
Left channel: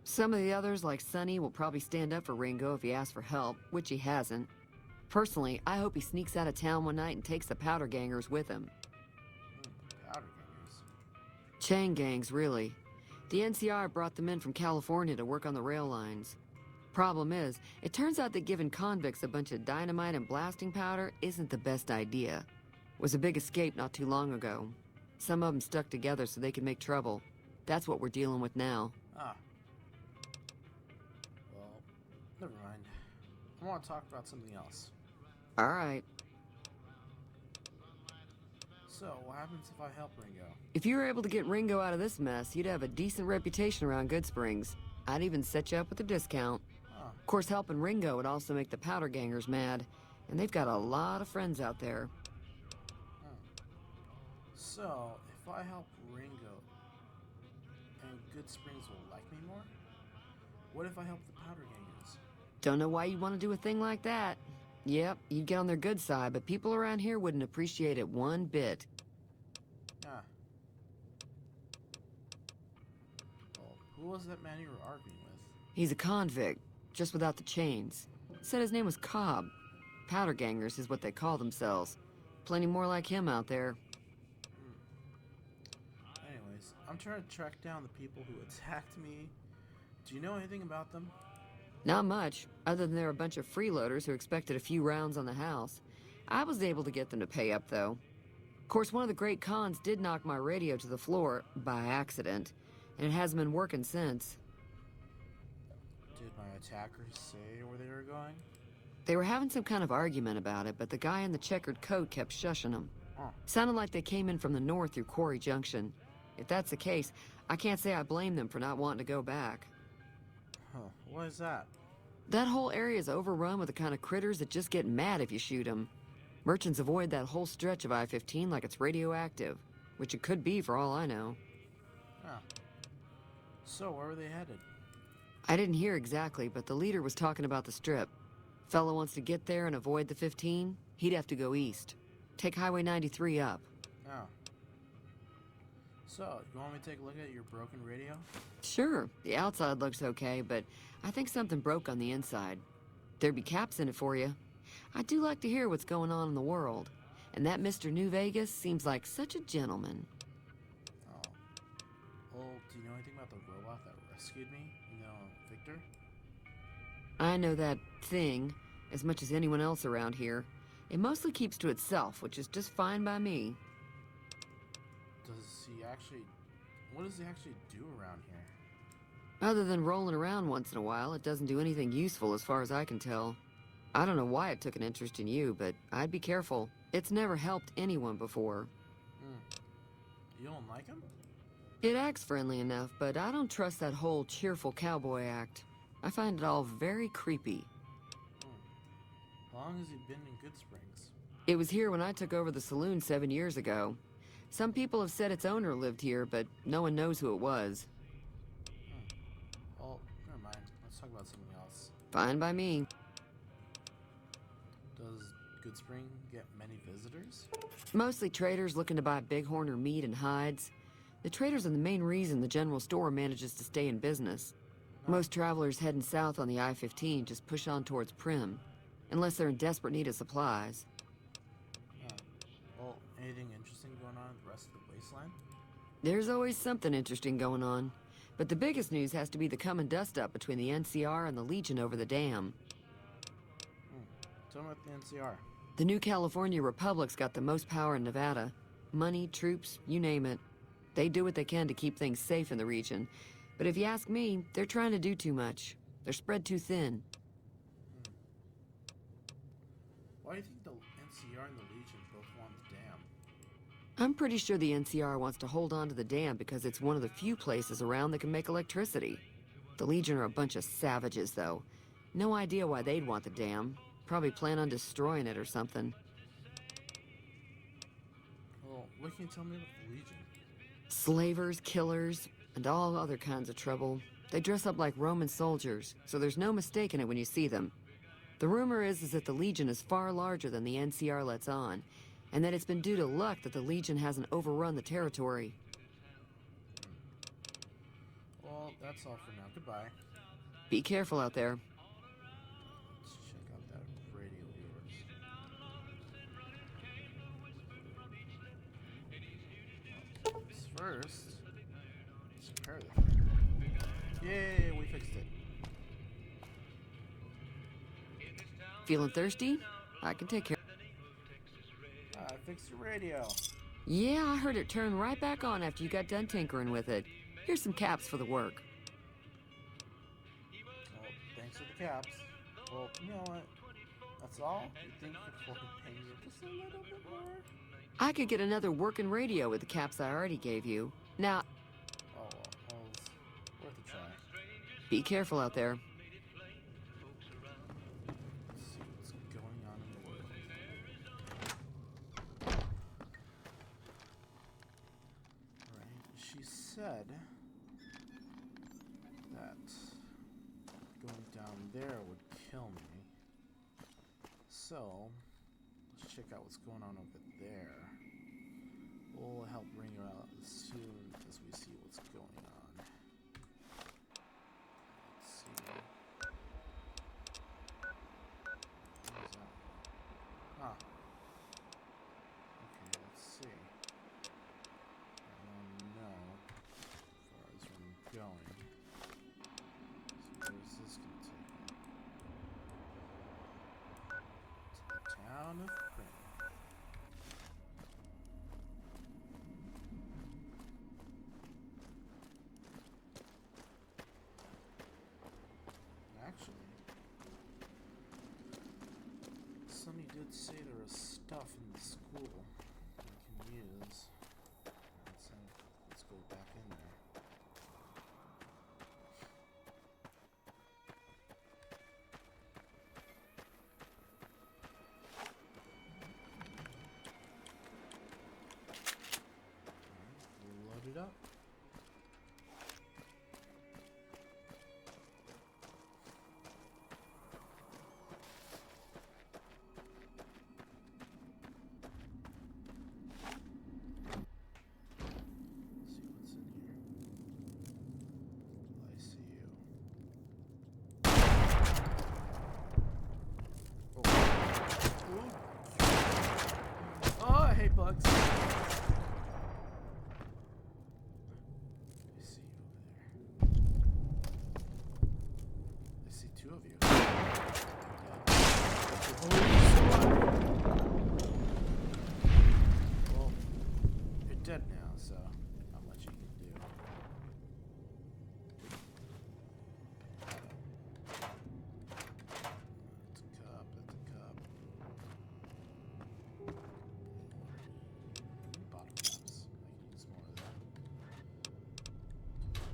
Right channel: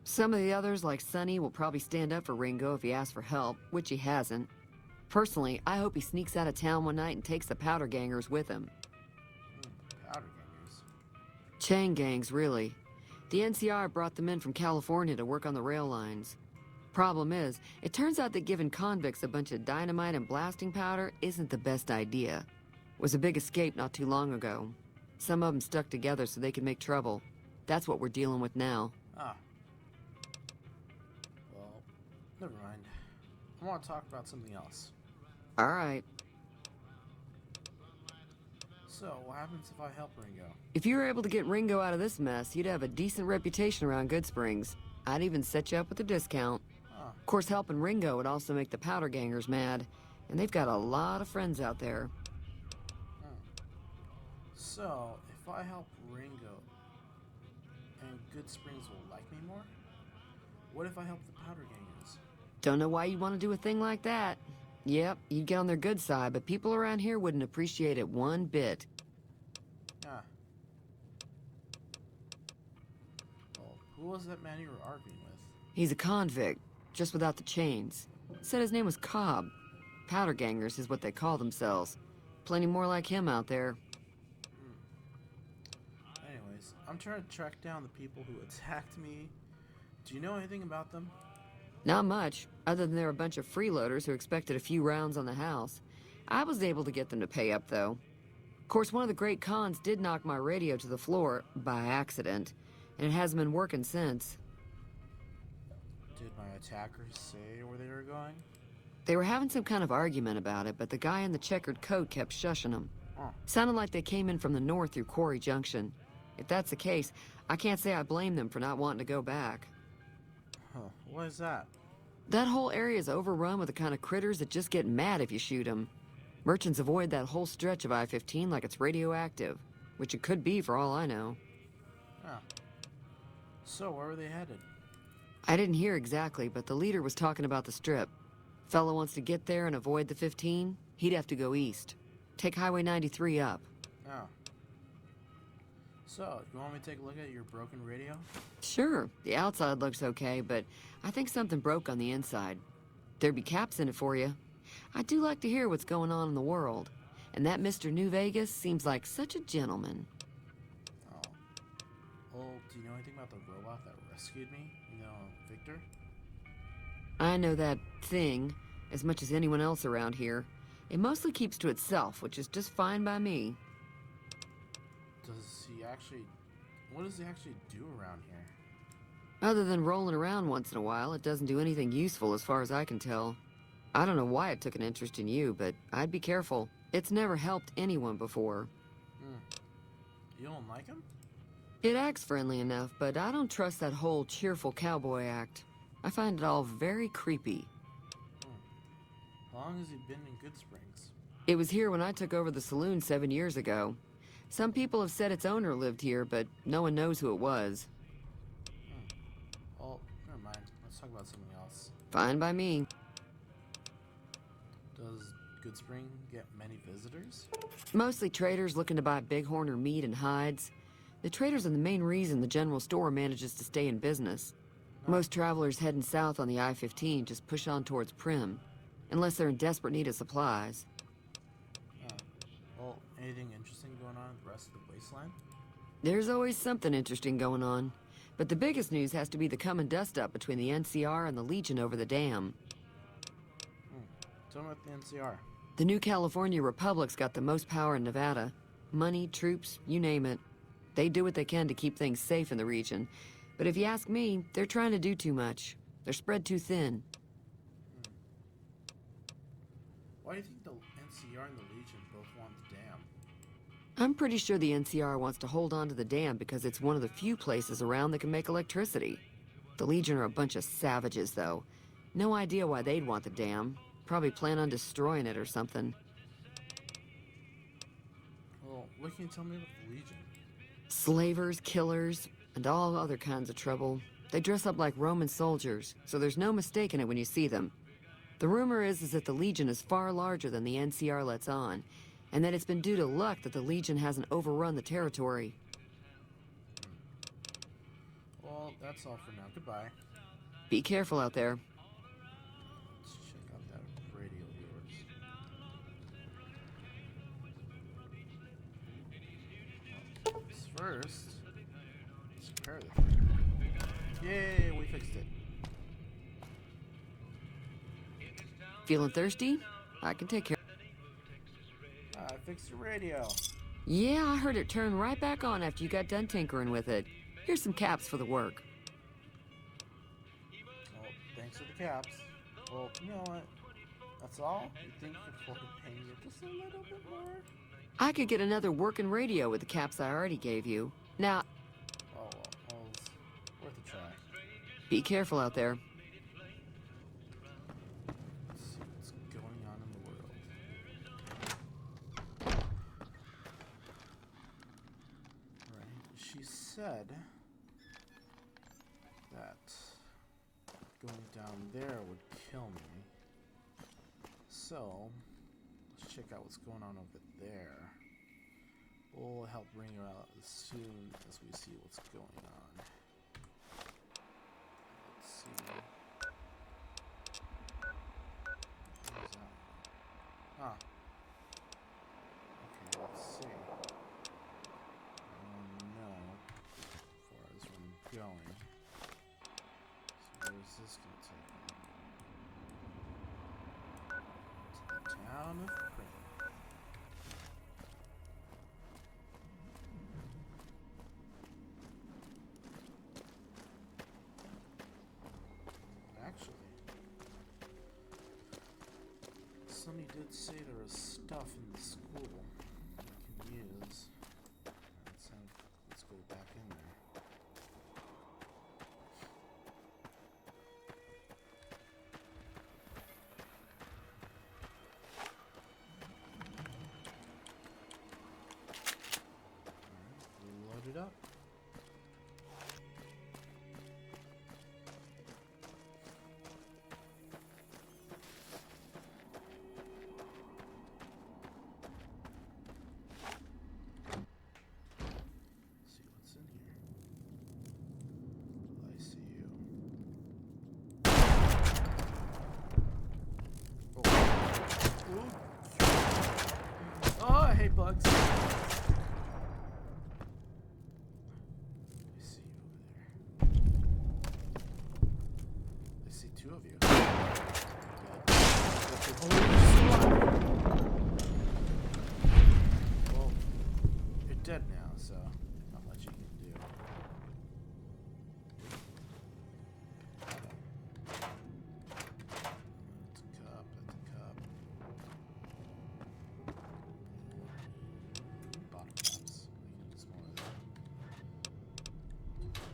Some of the others, like Sonny, will probably stand up for Ringo if he asks for help, which he hasn't. Personally, I hope he sneaks out of town one night and takes the powder gangers with him. Powder gangers? Chain gangs, really. The NCR brought them in from California to work on the rail lines. Problem is, it turns out that giving convicts a bunch of dynamite and blasting powder isn't the best idea. Was a big escape not too long ago. Some of them stuck together so they could make trouble. That's what we're dealing with now. Ah. Well, never mind. I want to talk about something else. All right. So, what happens if I help Ringo? If you were able to get Ringo out of this mess, you'd have a decent reputation around GOODSPRINGS. I'd even set you up with a discount. Of course, helping Ringo would also make the powder gangers mad. And they've got a lot of friends out there. So, if I help Ringo, and GOODSPRINGS will like me more? What if I help the powder gangers? Don't know why you'd want to do a thing like that. Yep, you'd get on their good side, but people around here wouldn't appreciate it one bit. Ah. Well, who was that man you were arguing with? He's a convict, just without the chains. Said his name was Cobb. Powder gangers is what they call themselves. Plenty more like him out there. Anyways, I'm trying to track down the people who attacked me. Do you know anything about them? Not much, other than they're a bunch of freeloaders who expected a few rounds on the house. I was able to get them to pay up, though. Of course, one of the great cons did knock my radio to the floor, by accident, and it hasn't been working since. Did my attackers say where they were going? They were having some kind of argument about it, but the guy in the checkered coat kept shushing them. Sounded like they came in from the north through Quarry Junction. If that's the case, I can't say I blame them for not wanting to go back. Huh, what is that? That whole area is overrun with the kind of critters that just get mad if you shoot them. Merchants avoid that whole stretch of I-15 like it's radioactive, which it could be for all I know. Huh. So, where were they headed? I didn't hear exactly, but the leader was talking about the strip. Fellow wants to get there and avoid the 15, he'd have to go east. Take Highway 93 up. Oh. So, you want me to take a look at your broken radio? Sure, the outside looks okay, but I think something broke on the inside. There'd be caps in it for you. I do like to hear what's going on in the world. And that Mr. New Vegas seems like such a gentleman. Oh. Well, do you know anything about the robot that rescued me? You know, Victor? I know that thing as much as anyone else around here. It mostly keeps to itself, which is just fine by me. What does he actually do around here? Other than rolling around once in a while, it doesn't do anything useful as far as I can tell. I don't know why it took an interest in you, but I'd be careful. It's never helped anyone before. You don't like him? It acts friendly enough, but I don't trust that whole cheerful cowboy act. I find it all very creepy. How long has he been in Goodsprings? It was here when I took over the saloon 7 years ago. Some people have said its owner lived here, but no one knows who it was. Well, never mind. Let's talk about something else. Fine by me. Does Goodspring get many visitors? Mostly traders looking to buy bighorn or meat and hides. The traders are the main reason the general store manages to stay in business. Most travelers heading south on the I-15 just push on towards Prim, unless they're in desperate need of supplies. Well, anything interesting going on in the rest of the wasteland? There's always something interesting going on, but the biggest news has to be the coming dust-up between the NCR and the Legion over the dam. Tell me about the NCR. The new California Republic's got the most power in Nevada. Money, troops, you name it. They do what they can to keep things safe in the region. But if you ask me, they're trying to do too much. They're spread too thin. Why do you think the NCR and the Legion both want the dam? I'm pretty sure the NCR wants to hold on to the dam because it's one of the few places around that can make electricity. The Legion are a bunch of savages, though. No idea why they'd want the dam. Probably plan on destroying it or something. Well, what can you tell me about the Legion? Slavers, killers, and all other kinds of trouble. They dress up like Roman soldiers, so there's no mistaking it when you see them. The rumor is that the Legion is far larger than the NCR lets on, and that it's been due to luck that the Legion hasn't overrun the territory. Well, that's all for now. Goodbye. Be careful out there. Let's check out that radio of yours. First, let's repair this. Yay, we fixed it. Feeling thirsty? I can take care. I fixed your radio. Yeah, I heard it turn right back on after you got done tinkering with it. Here's some caps for the work. Well, thanks for the caps. Well, you know what? That's all? You think you could pay me just a little bit more? I could get another working radio with the caps I already gave you. Now, Oh, well, worth a try. be careful out there. Let's see what's going on in the world. Alright, she said that going down there would kill me. So, let's check out what's going on over there. We'll help bring her out as soon as we see what's going on. Let's see. Where's that? Ah. Okay, let's see. No. As far as I'm going. So where is this gonna take me? To the town of Quinn. Actually, Sonny did say there is stuff in the school I can use. Let's go back in there. Load it up. hey, Bugs. Well, you're dead now, so not much you can do. It's a cup, it's a cup. Bottom cups. Use more of that.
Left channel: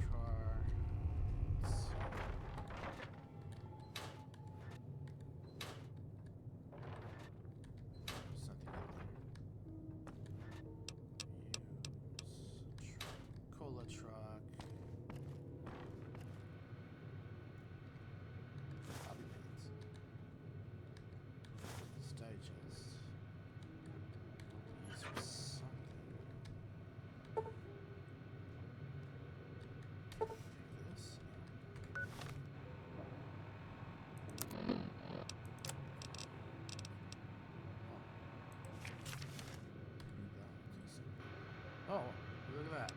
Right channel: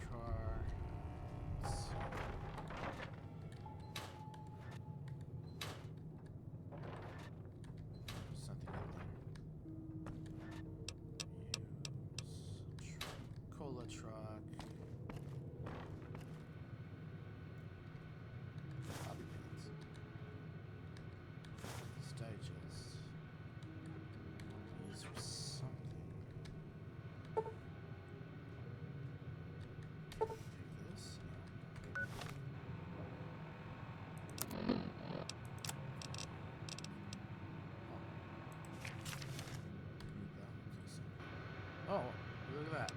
Jar. Let's see. Cola truck. Hobby pants. Digest. Use for something. Take this. Oh, look at that.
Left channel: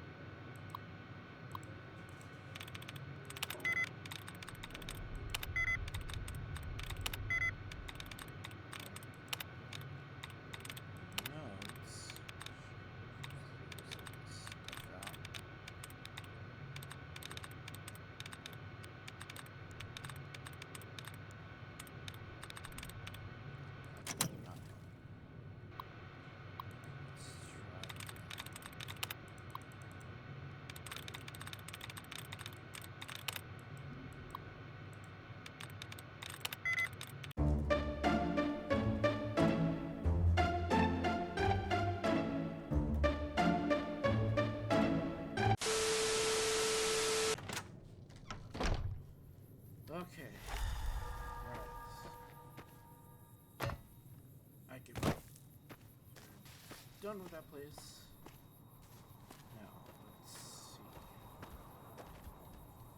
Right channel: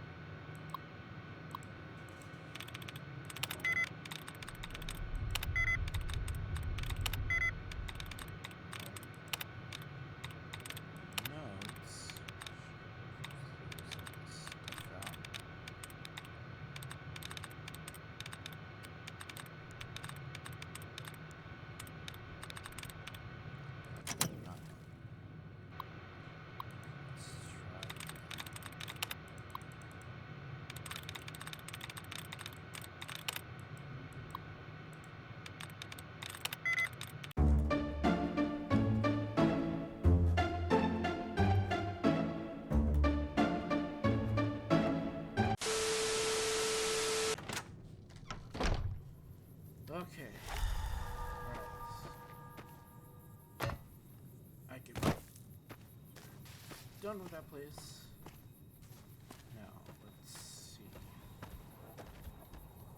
Okay. Alright. I get done with that place. Now, let's see.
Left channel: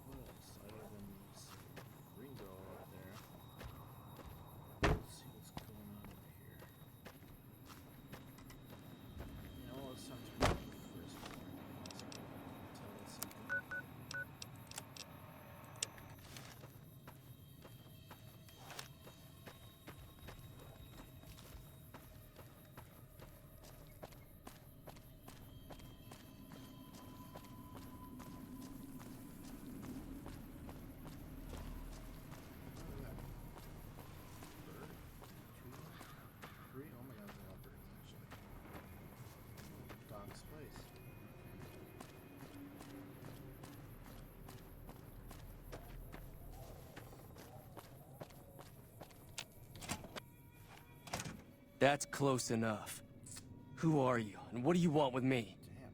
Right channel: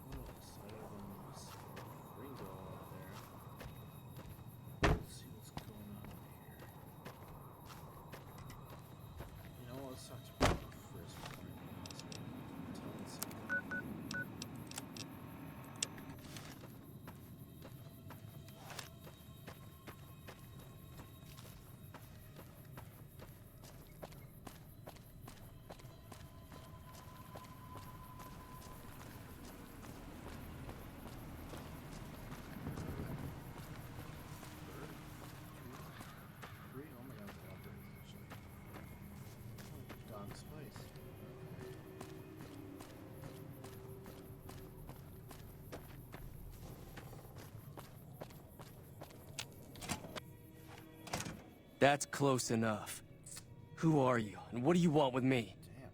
What else other than this Ringo up there? Let's see what's going on over here. You know, let's talk to Ringo first. That's close enough. Who are you, and what do you want with me? Damn.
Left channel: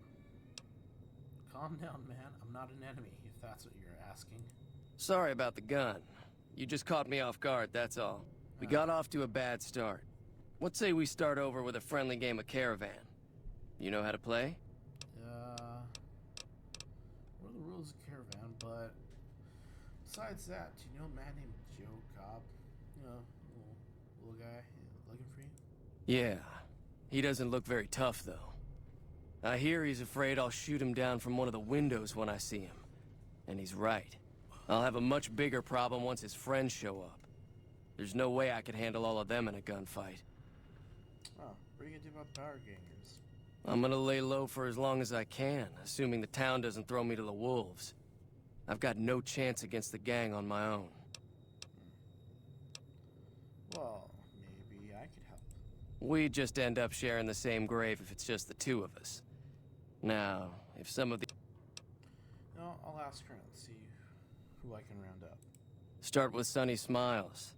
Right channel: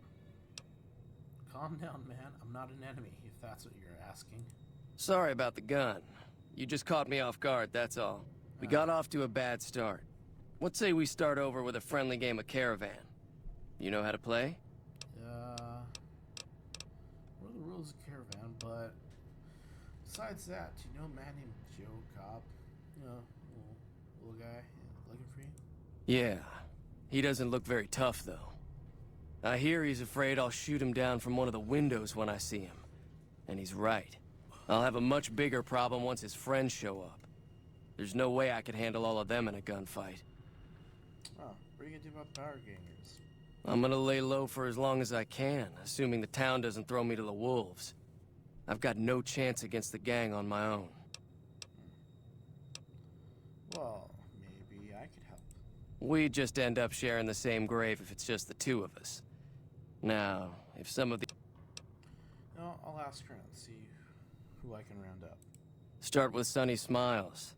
Calm down, man. I'm not an enemy, if that's what you're asking. Sorry about the gun. You just caught me off guard, that's all. We got off to a bad start. Let's say we start over with a friendly game of Caravan. You know how to play? What are the rules of Caravan, but besides that, you know a man named Joe Cobb? You know, little guy, looking for you? Yeah. He doesn't look very tough, though. I hear he's afraid I'll shoot him down from one of the windows when I see him. And he's right. I'll have a much bigger problem once his friends show up. There's no way I could handle all of them in a gunfight. Oh, what are you gonna do about the power gangers? I'm gonna lay low for as long as I can, assuming the town doesn't throw me to the wolves. I've got no chance against the gang on my own. Well, maybe I could help. We just end up sharing the same grave if it's just the two of us. Now, if some of the... You know, I'll ask her and see who I can round up. Start with Sunny Smiles.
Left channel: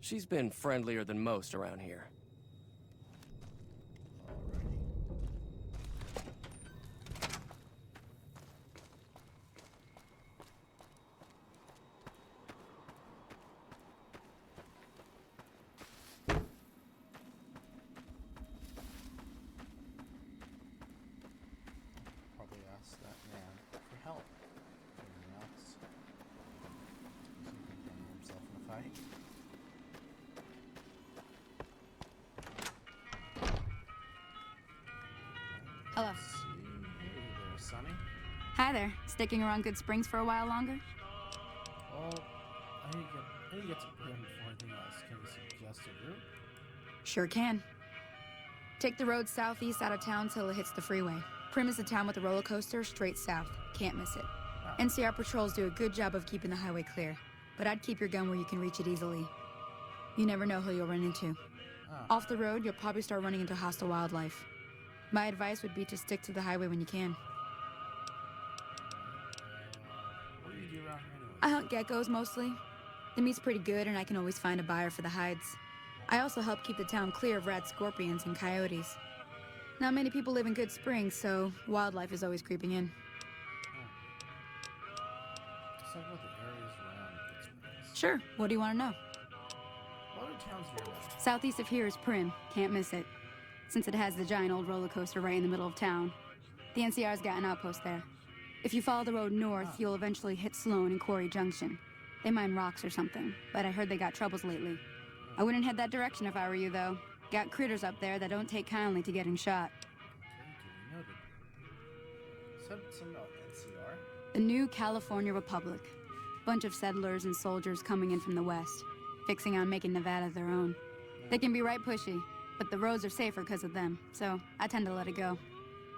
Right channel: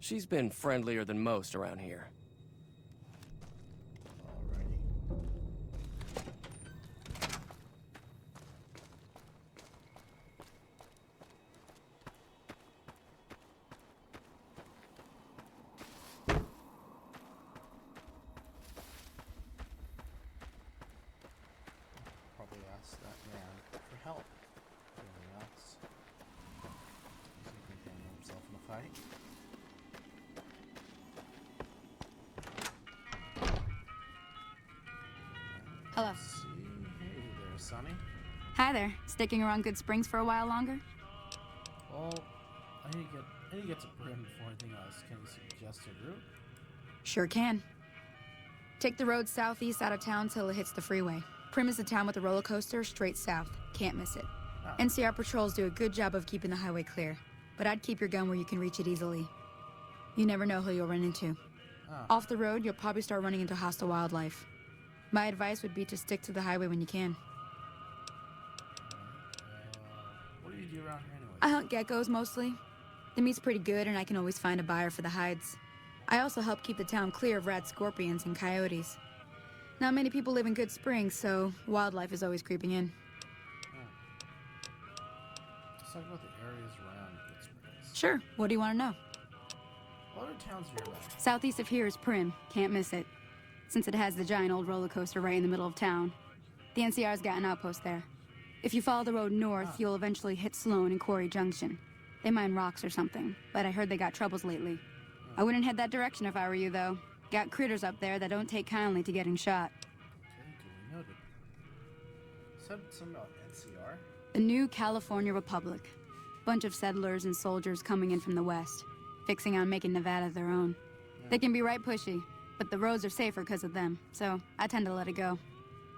She's been friendlier than most around here. Probably ask that man for help. That's himself in a fight. Hi there. Sticking around Good Springs for a while longer? Well, I need to get to Prim before anything else. Can you suggest a route? Sure can. Take the road southeast out of town till it hits the freeway. Prim is the town with the roller coaster straight south. Can't miss it. NCR patrols do a good job of keeping the highway clear, but I'd keep your gun where you can reach it easily. You never know who you'll run into. Off the road, you'll probably start running into hostile wildlife. My advice would be to stick to the highway when you can. What do you do around here anyway? I hunt geckos mostly. The meat's pretty good and I can always find a buyer for the hides. I also help keep the town clear of rat scorpions and coyotes. Not many people live in Good Springs, so wildlife is always creeping in. Let's talk about the areas around Good Springs. Sure, what do you want to know? What are towns nearby? Southeast of here is Prim. Can't miss it. Since it has the giant old roller coaster right in the middle of town. The NCR's got an outpost there. If you follow the road north, you'll eventually hit Sloan and Quarry Junction. They mine rocks or something, but I heard they got troubles lately. I wouldn't head that direction if I were you, though. Got critters up there that don't take kindly to getting shot. Noted. Said something about NCR? The new California Republic. Bunch of settlers and soldiers coming in from the west, fixing on making Nevada their own. They can be right pushy, but the roads are safer because of them, so I tend to let it go.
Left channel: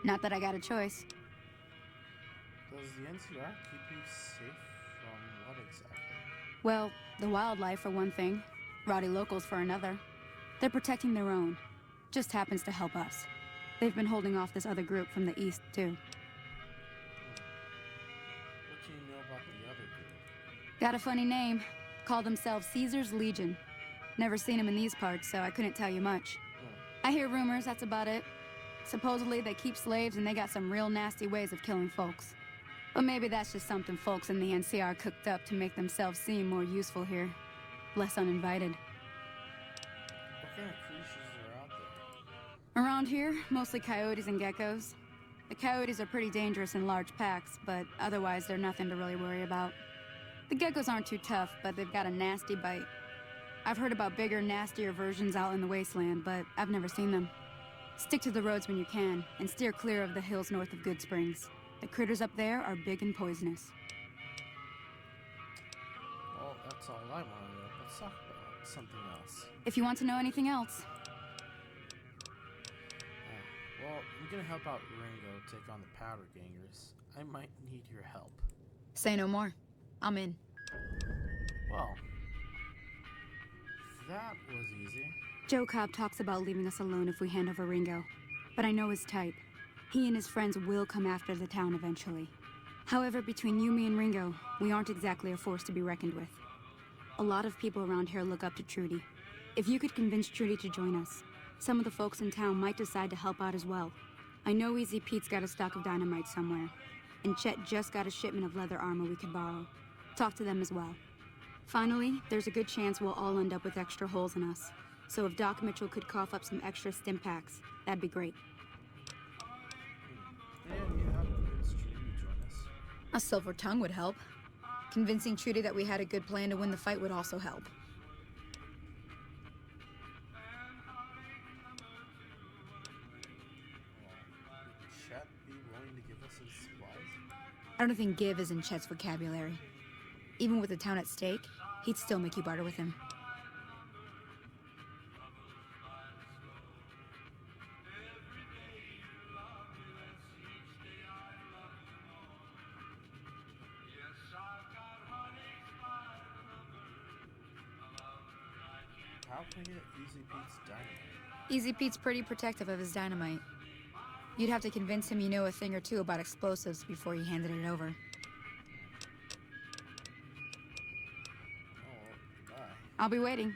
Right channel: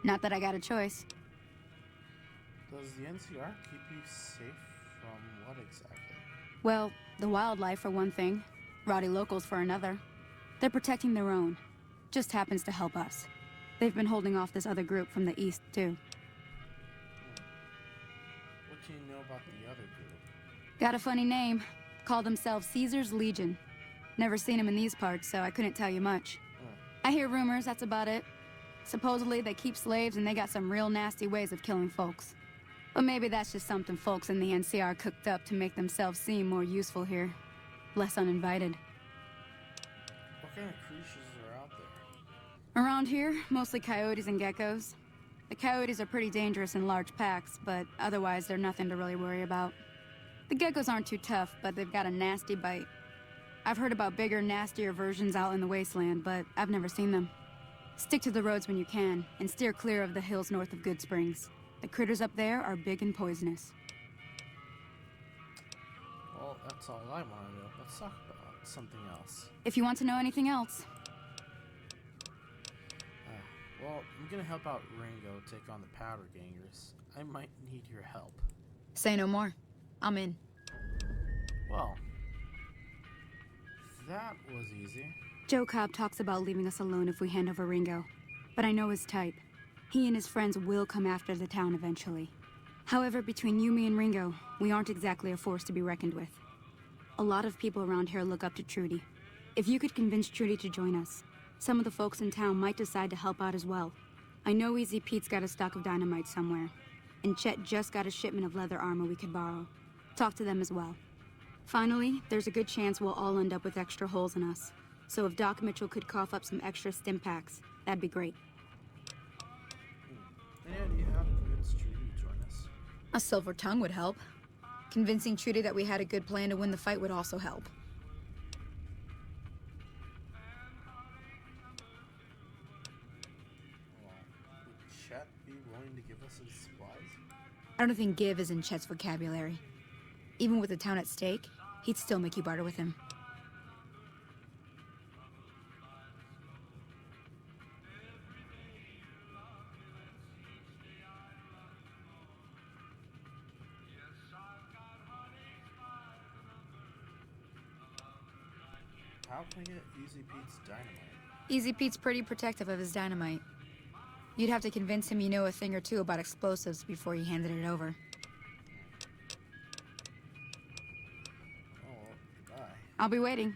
Not that I got a choice. Does the NCR keep you safe from what exactly? Well, the wildlife for one thing, rowdy locals for another. They're protecting their own. Just happens to help us. They've been holding off this other group from the east, too. What do you know about the other group? Got a funny name. Call themselves Caesar's Legion. Never seen them in these parts, so I couldn't tell you much. I hear rumors, that's about it. Supposedly they keep slaves and they got some real nasty ways of killing folks. But maybe that's just something folks in the NCR cooked up to make themselves seem more useful here. Less uninvited. What kind of creatures are out there? Around here, mostly coyotes and geckos. The coyotes are pretty dangerous in large packs, but otherwise they're nothing to really worry about. The geckos aren't too tough, but they've got a nasty bite. I've heard about bigger, nastier versions out in the wasteland, but I've never seen them. Stick to the roads when you can, and steer clear of the hills north of Good Springs. The critters up there are big and poisonous. Well, that's all I want to know. Let's talk about something else. If you want to know anything else. Well, I'm gonna help out Ringo take on the powder gangers. I might need your help. Say no more. I'm in. Wow. That was easy. Joe Cobb talks about leaving us alone if we hand over Ringo. But I know his type. He and his friends will come after the town eventually. However, between you, me, and Ringo, we aren't exactly a force to be reckoned with. A lot of people around here look up to Trudy. If you could convince Trudy to join us, some of the folks in town might decide to help out as well. I know Easy Pete's got a stock of dynamite somewhere, and Chet just got a shipment of leather armor we could borrow. Talk to them as well. Finally, there's a good chance we'll all end up with extra holes in us. So if Doc Mitchell could cough up some extra stim packs, that'd be great. And you have to convince Trudy to join us. A silver tongue would help. Convincing Trudy that we had a good plan to win the fight would also help. Would Chet be willing to give us his supplies? I don't think give is in Chet's vocabulary. Even with the town at stake, he'd still make you barter with him. How can I get Easy Pete's dynamite? Easy Pete's pretty protective of his dynamite. You'd have to convince him you know a thing or two about explosives before you handed it over. Oh, goodbye. I'll be waiting.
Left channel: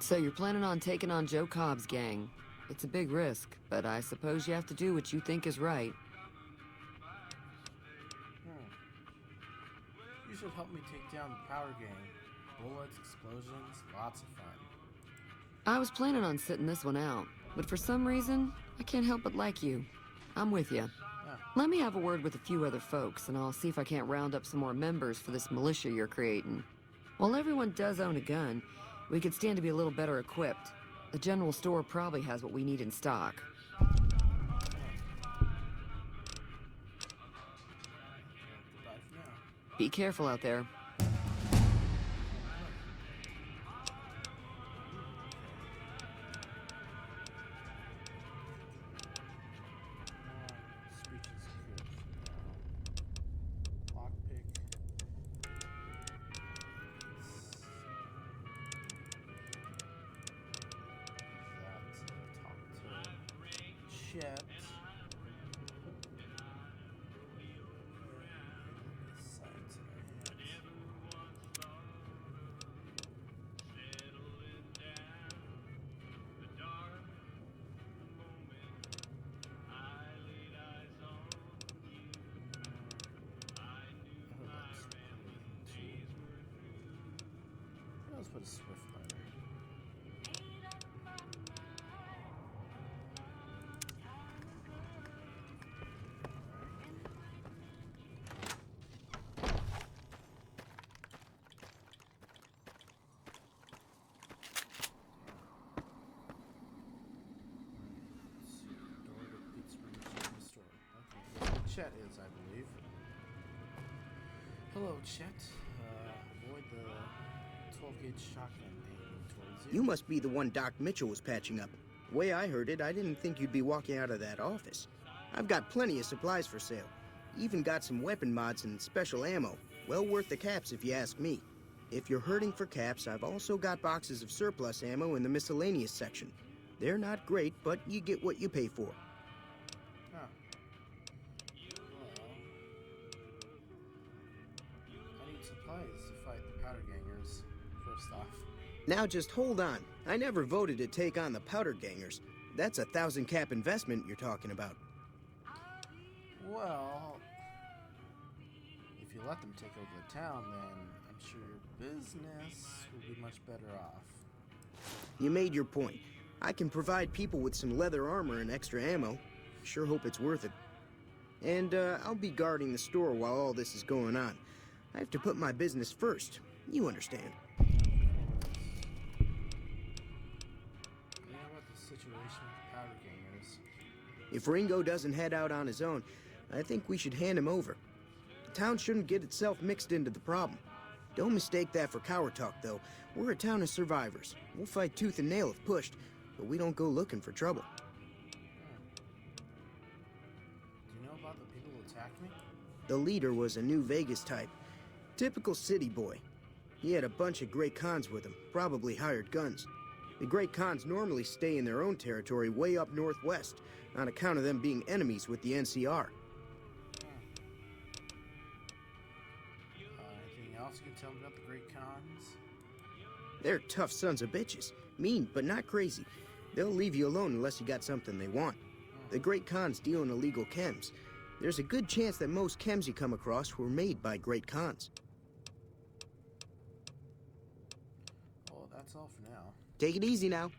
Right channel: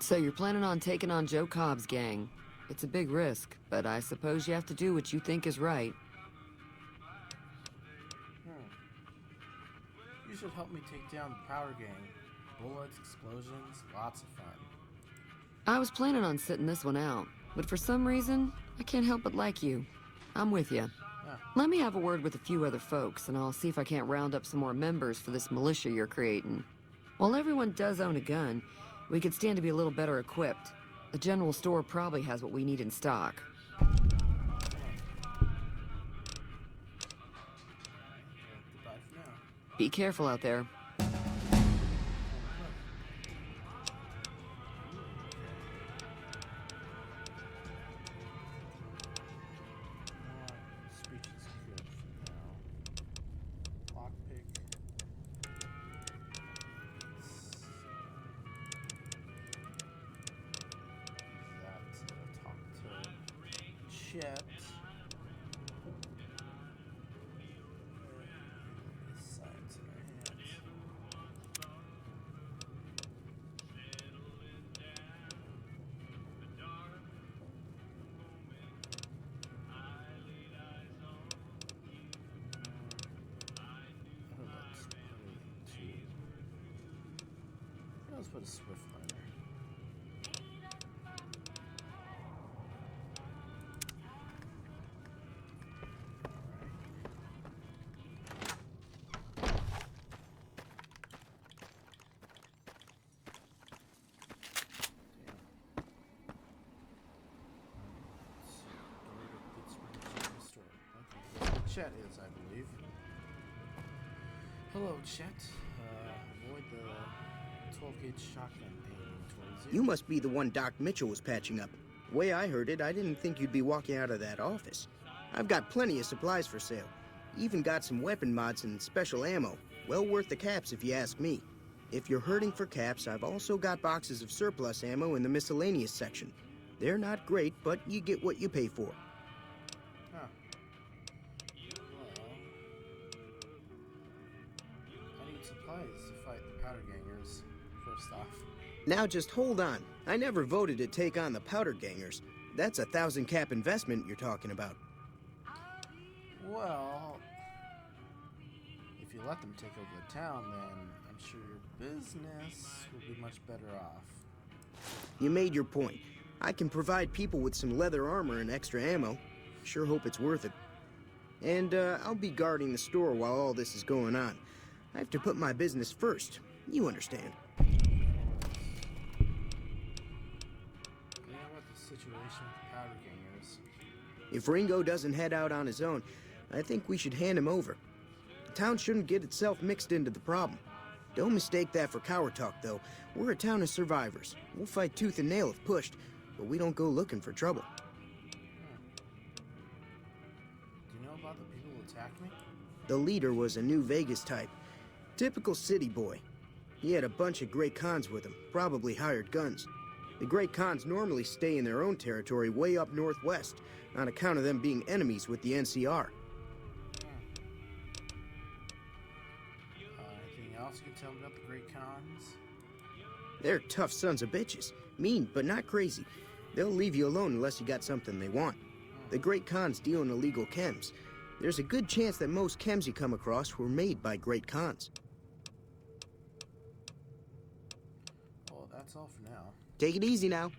So you're planning on taking on Joe Cobb's gang. It's a big risk, but I suppose you have to do what you think is right. You should help me take down the power gang. Bullets, explosions, lots of fun. I was planning on sitting this one out, but for some reason, I can't help but like you. I'm with you. Yeah. Let me have a word with a few other folks, and I'll see if I can't round up some more members for this militia you're creating. While everyone does own a gun, we could stand to be a little better equipped. The general store probably has what we need in stock. Be careful out there. Lockpick. Talk to Chet. Signs in the hand. Let's put a Swift liner. Chet is, I believe. Hello, Chet. Avoid the 12-gauge shotgun aiming towards you. You must be the one Doc Mitchell was patching up. The way I heard it, I didn't think you'd be walking out of that office. I've got plenty of supplies for sale. Even got some weapon mods and special ammo. Well worth the caps if you ask me. If you're hurting for caps, I've also got boxes of surplus ammo in the miscellaneous section. They're not great, but you get what you pay for. Huh. I need supplies to fight the powder gangers, first off. Now just hold on. I never voted to take on the powder gangers. That's a 1,000 cap investment you're talking about. Well, if you let them take over the town, then I'm sure your business will be much better off. You made your point. I can provide people with some leather armor and extra ammo. Sure hope it's worth it. And I'll be guarding the store while all this is going on. I have to put my business first. You understand. Yeah, what the situation with the powder gangers? If Ringo doesn't head out on his own, I think we should hand him over. The town shouldn't get itself mixed into the problem. Don't mistake that for coward talk, though. We're a town of survivors. We'll fight tooth and nail if pushed, but we don't go looking for trouble. Do you know about the people attacking? The leader was a New Vegas type. Typical city boy. He had a bunch of Great Khans with him, probably hired guns. The Great Khans normally stay in their own territory way up northwest, on account of them being enemies with the NCR. Anything else you can tell me about the Great Khans? They're tough sons of bitches. Mean, but not crazy. They'll leave you alone unless you got something they want. The Great Khans deal in illegal chems. There's a good chance that most chems you come across were made by Great Khans. Well, that's all for now. Take it easy now.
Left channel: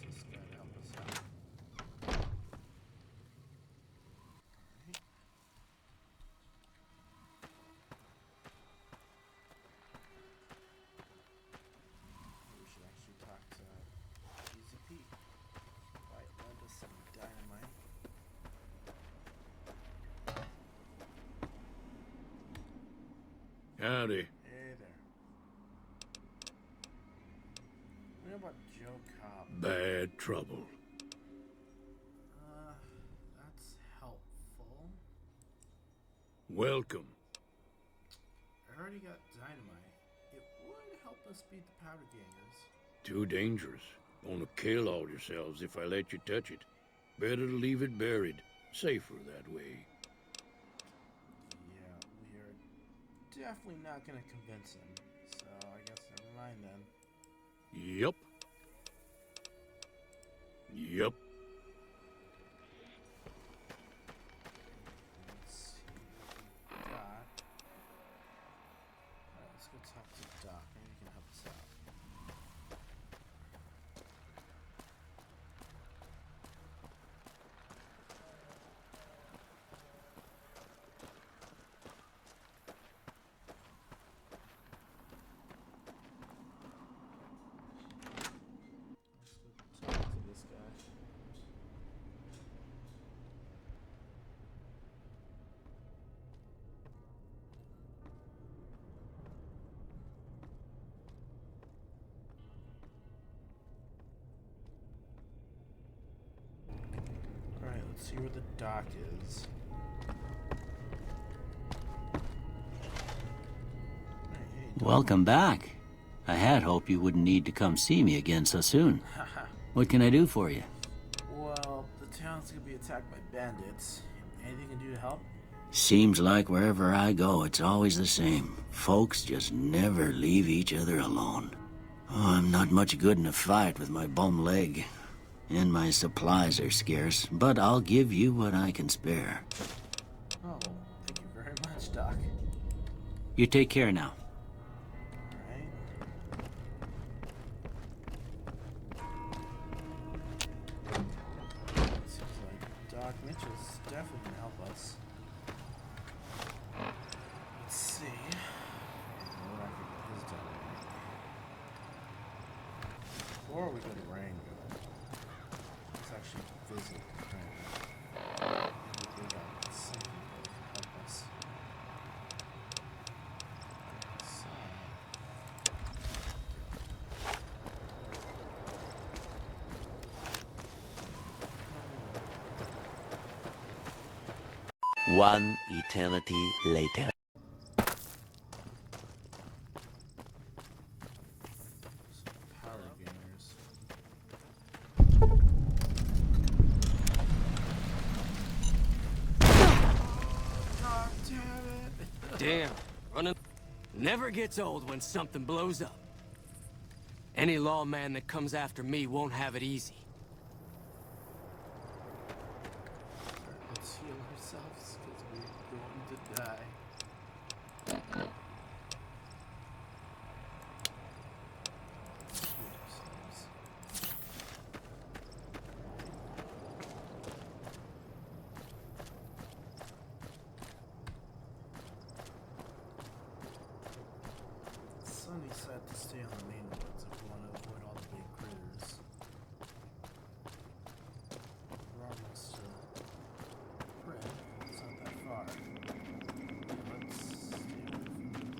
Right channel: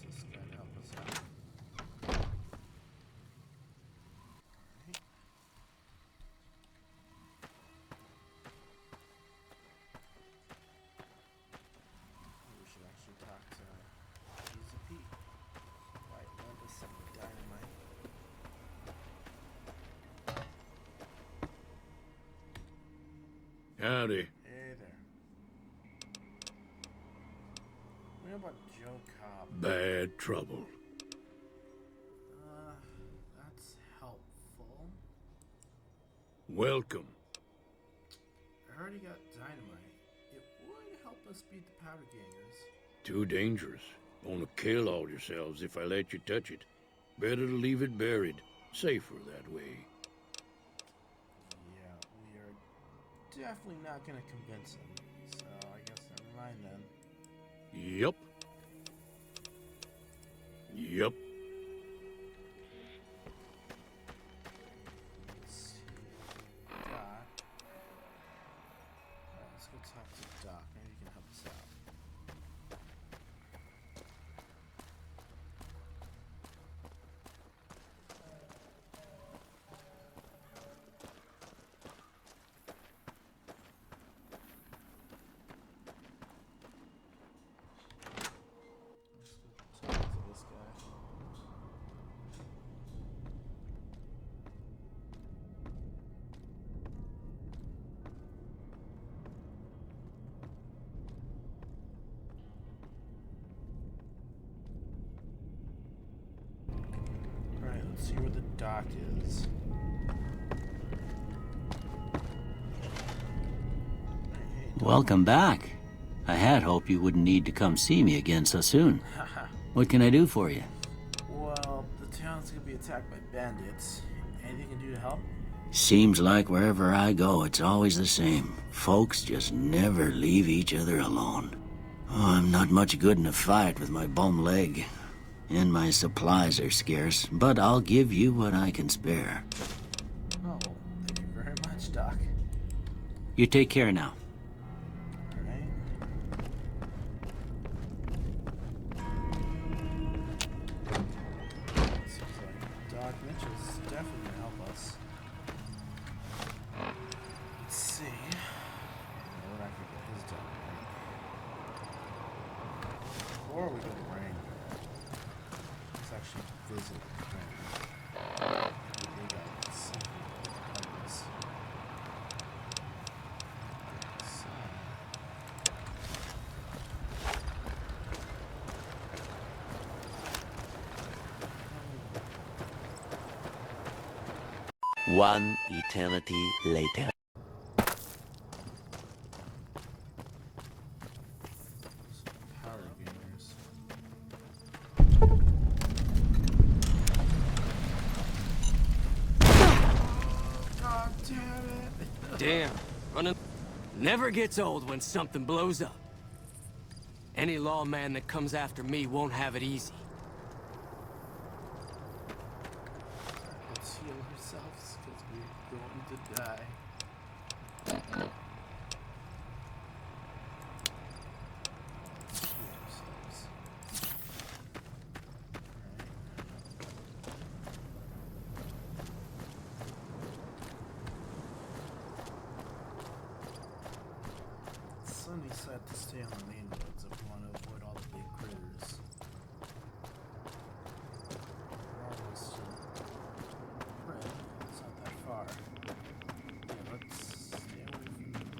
What's this guy to help us out? We should actually talk to Easy Pete. Right, one to set the dynamite. Howdy. Hey there. What about Joe Cobb? Bad trouble. That's helpful. Welcome. I already got dynamite. It would help us beat the powder gangers. Too dangerous. Gonna kill all yourselves if I let you touch it. Better to leave it buried. Safer that way. Yeah, we are definitely not gonna convince him. So I guess never mind then. Yup. Yup. Let's see. Doc. Let's go talk to Doc. Maybe he can help us out. see where the dock is. Welcome back. I had hoped you wouldn't need to come see me again so soon. What can I do for you? Well, the town's gonna be attacked by bandits. Anything you can do to help? Seems like wherever I go, it's always the same. Folks just never leave each other alone. Oh, I'm not much good in a fight with my bum leg. And my supplies are scarce, but I'll give you what I can spare. Oh, thank you very much, Doc. You take care now. Seems like Doc Mitchell's definitely gonna help us. Let's see. What I can get his done. Before we go to Rain, let's actually visit Rain. One eternity later. Power gamers. God damn it. Damn. Running never gets old when something blows up. Any lawman that comes after me won't have it easy. Let's heal ourselves because we're going to die. Sunny said to stay on the main roads if you want to avoid all the big critters. It's not that far. Let's stay away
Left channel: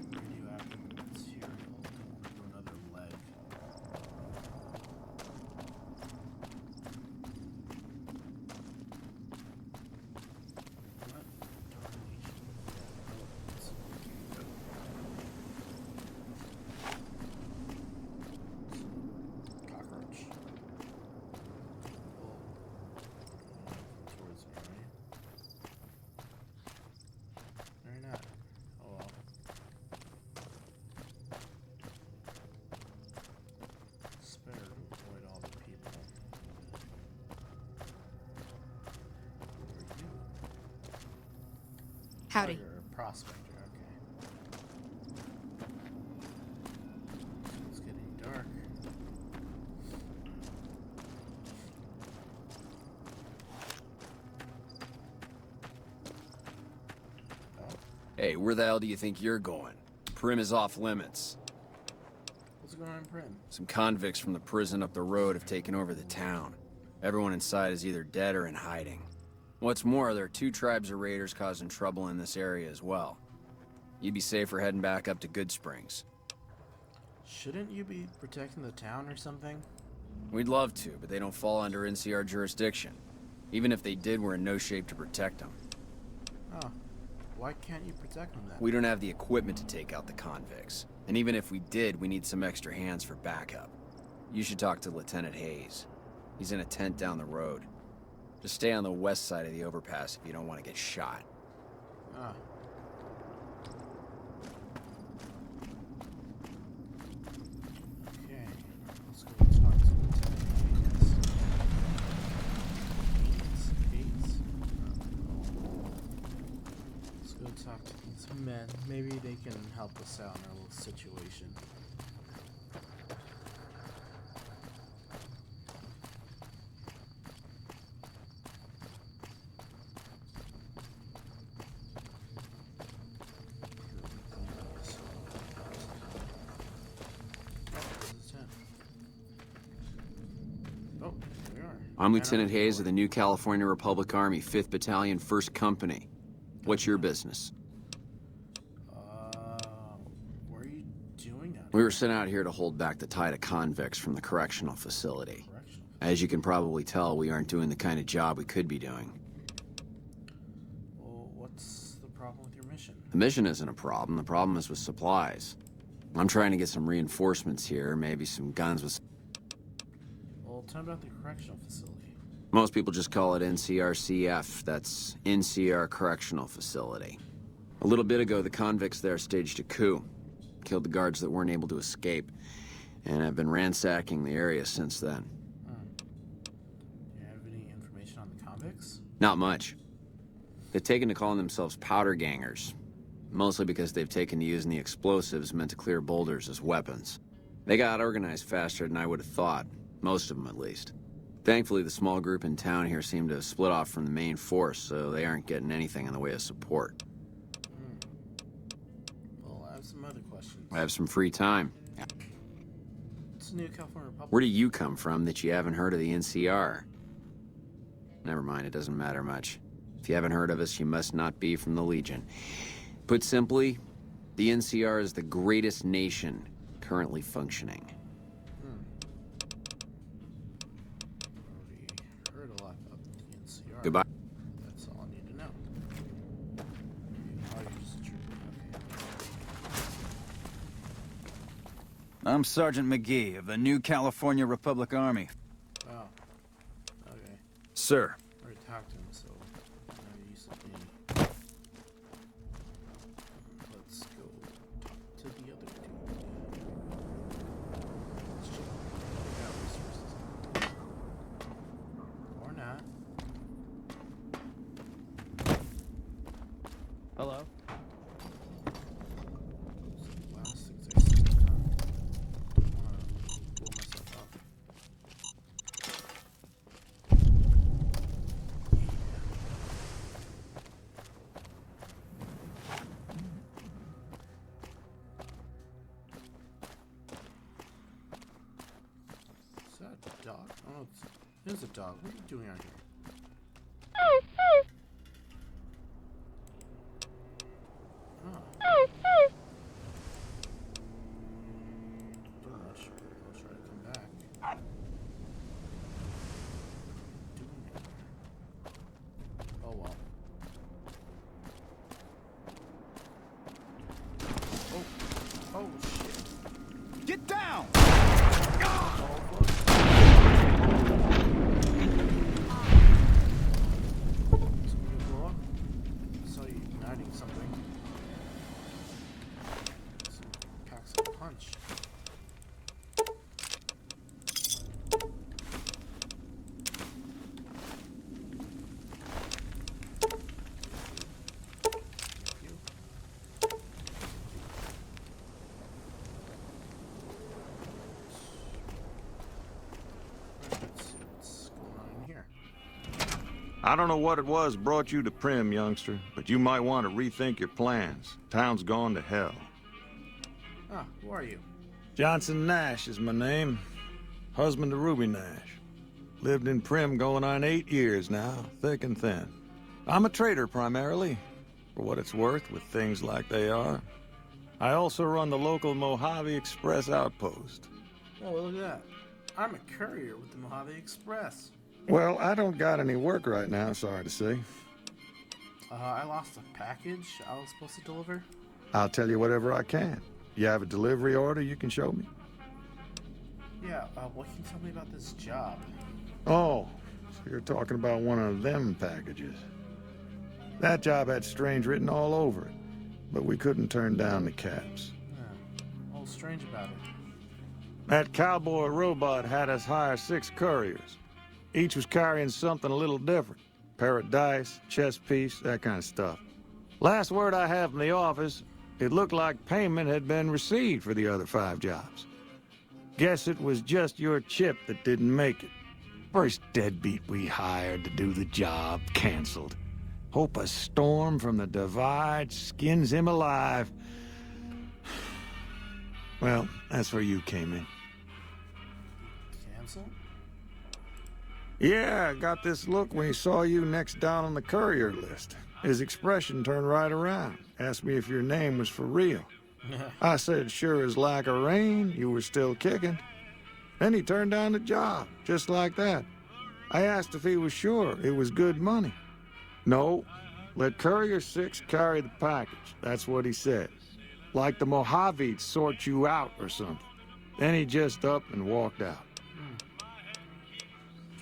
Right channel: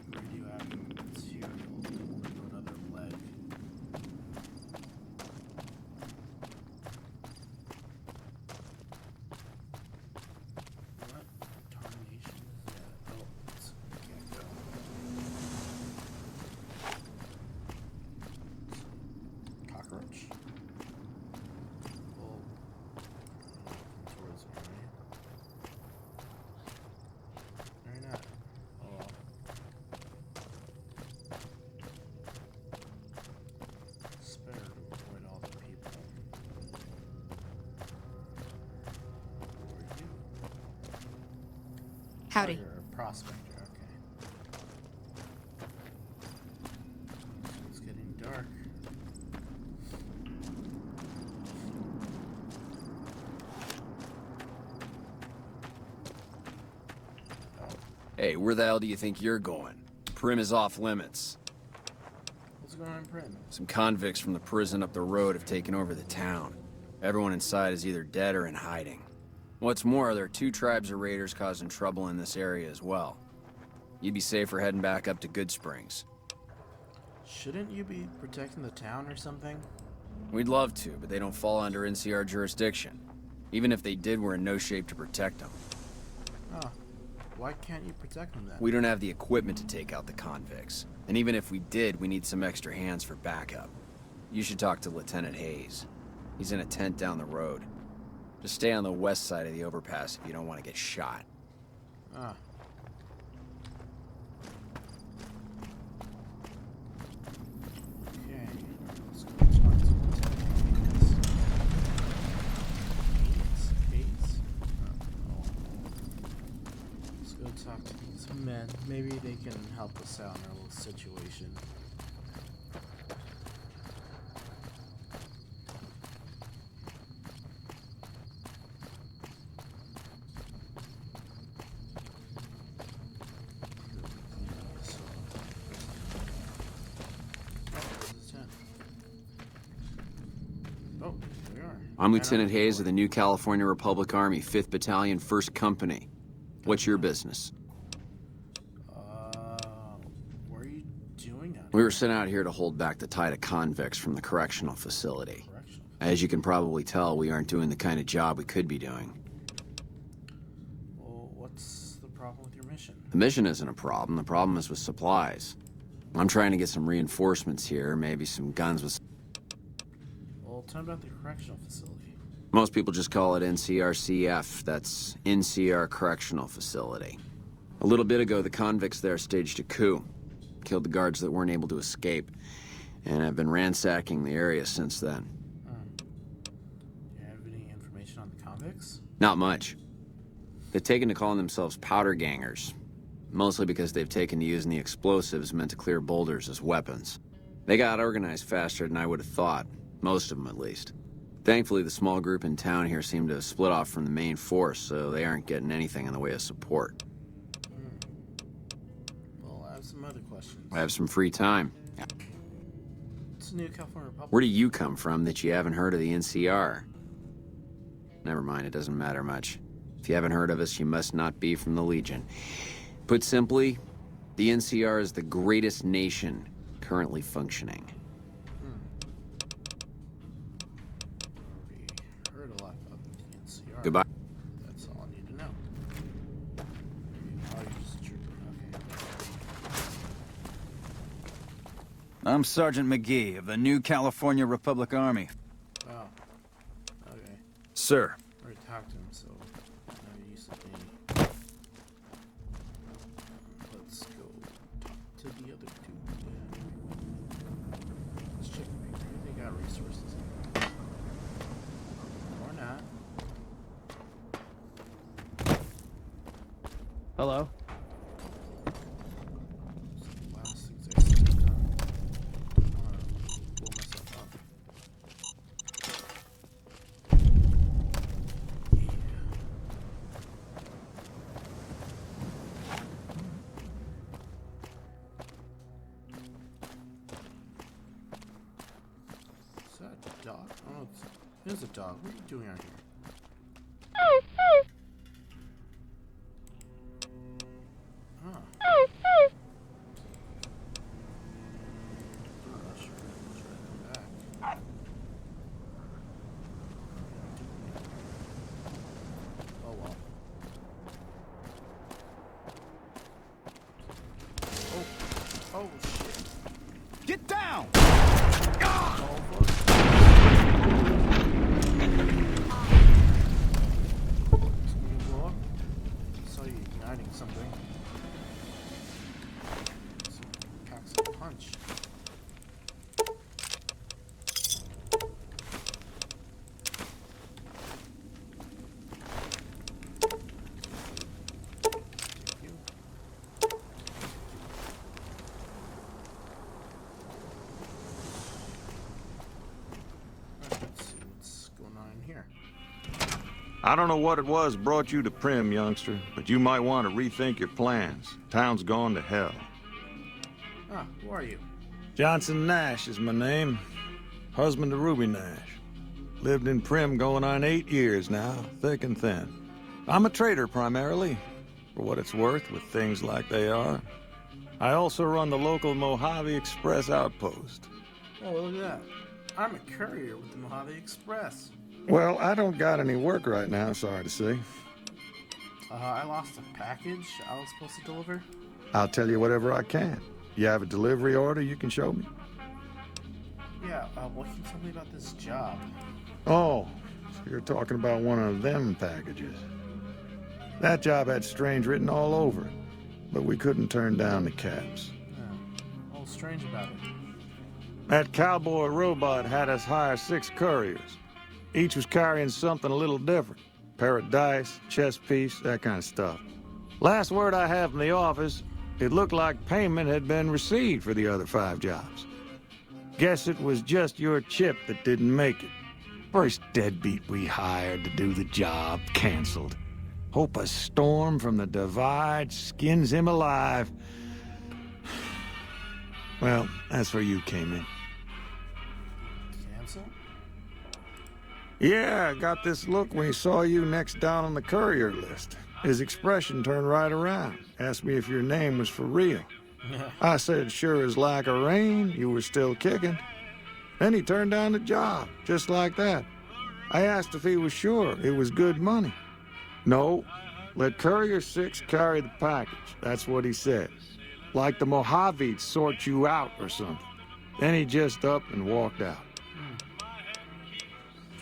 from the new avenues here. Another leg. What? Cockroach. Oh. Towards me. Very nice. Oh well. Spare to avoid all the people. Howdy. Prospector, okay. It's getting dark. Hey, where the hell do you think you're going? Prim is off limits. What's going on in Prim? Some convicts from the prison up the road have taken over the town. Everyone inside is either dead or in hiding. What's more, there are 2 tribes of raiders causing trouble in this area as well. You'd be safer heading back up to GOODSPRINGS. Shouldn't you be protecting the town or something? We'd love to, but they don't fall under NCR jurisdiction. Even if they did, we're in no shape to protect them. Oh, why can't you protect them then? We don't have the equipment to take out the convicts. And even if we did, we need some extra hands for backup. You should talk to Lieutenant Hayes. He's in a tent down the road. Just stay on the west side of the overpass if you don't want to get shot. Ah. Okay. Let's go talk to Let's go talk to these men. Maybe they can help us out in a little situation. I'm Lieutenant Hayes of the New California Republic Army, 5th Battalion, 1st Company. What's your business? What are you doing out We were sent out here to hold back the tide of convicts from the correctional facility. As you can probably tell, we aren't doing the kind of job we could be doing. The mission isn't a problem. The problem is with supplies. I'm trying to get some reinforcements here, maybe some guns with... Well, tell me about the correctional facility. Most people just call it NCRCF. That's NCR Correctional Facility. A little bit ago, the convicts there staged a coup. Killed the guards that weren't able to escape. And I've been ransacking the area since then. Do you have any information on the convicts? Not much. They've taken to calling themselves powder gangers. Mostly because they've taken to using the explosives meant to clear boulders as weapons. They got organized faster than I would have thought. Most of them, at least. Thankfully, the small group in town here seem to have split off from the main force, so they aren't getting anything in the way of support. Well, I have some other questions. I have some free time. What's the new California Republic? Where do you come from that you haven't heard of the NCR? Never mind, it doesn't matter much. If you haven't heard of us, you must not be from the Legion. Put simply, the NCR is the greatest nation currently functioning. Heard a lot about the NCR. Goodbye. That's all I need to know. Why are you just tripping? Okay. I'm Sergeant McGee of the New California Republic Army. Oh. Okay. Sir. I already talked to him, so he said they... Let's go to the other two. Let's just figure out resources. Or not. Hello. There's a dog. What are you doing out here? Oh. Oh well. Oh. Get down! Something. Packs a punch. Let's see what's going on in here. I don't know what it was brought you to Prim, youngster, but you might want to rethink your plans. Town's gone to hell. Ah, who are you? Johnson Nash is my name. Husband to Ruby Nash. Lived in Prim going on 8 years now, thick and thin. I'm a trader primarily, for what it's worth with things like they are. I also run the local Mojave Express outpost. Oh, look at that. I'm a courier with the Mojave Express. Well, I don't got any work right now, sorry to say. I lost a package I was supposed to deliver. I'll tell you whatever I can. You have a delivery order you can show me? Yeah, what can you tell me about this job? Oh, you're talking about one of them packages. That job had strange written all over it, but we couldn't turn down the caps. Yeah. What's strange about it? That cowboy robot had us hire 6 couriers. Each was carrying something a little different. Pair of dice, chess piece, that kind of stuff. Last word I have from the office, it looked like payment had been received for the other 5 jobs. Guess it was just your chip that didn't make it. First deadbeat we hired to do the job canceled. Hope a storm from the divide skins him alive. Well, that's where you came in. Cancel? Yeah, I got this look when he saw you next down on the courier list. His expression turned right around. Asked me if your name was for real. I said, sure as like a rain, you were still kicking. Then he turned down the job, just like that. I asked if he was sure it was good money. No, Let Courier 6 carry the package. That's what he said. Like the Mojaves sort you out or something. Then he just up and walked out. Do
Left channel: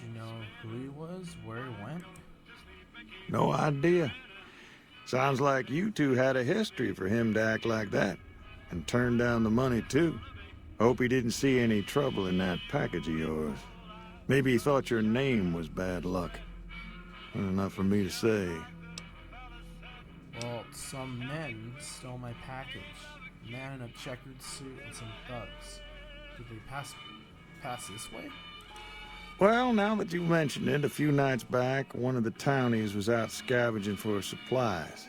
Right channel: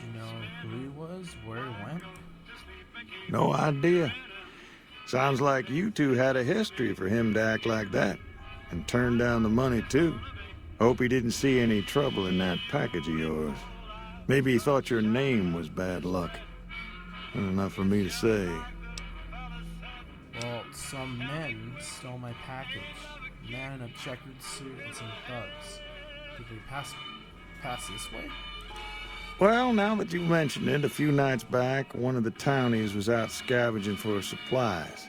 you know who he was? Where he went? No idea. Sounds like you two had a history for him to act like that. And turn down the money, too. Hope he didn't see any trouble in that package of yours. Maybe he thought your name was bad luck. Enough for me to say. Some men stole my package. A man in a checkered suit and some thugs. Did they pass this way? Well, now that you mention it, a few nights back, one of the townies was out scavenging for supplies.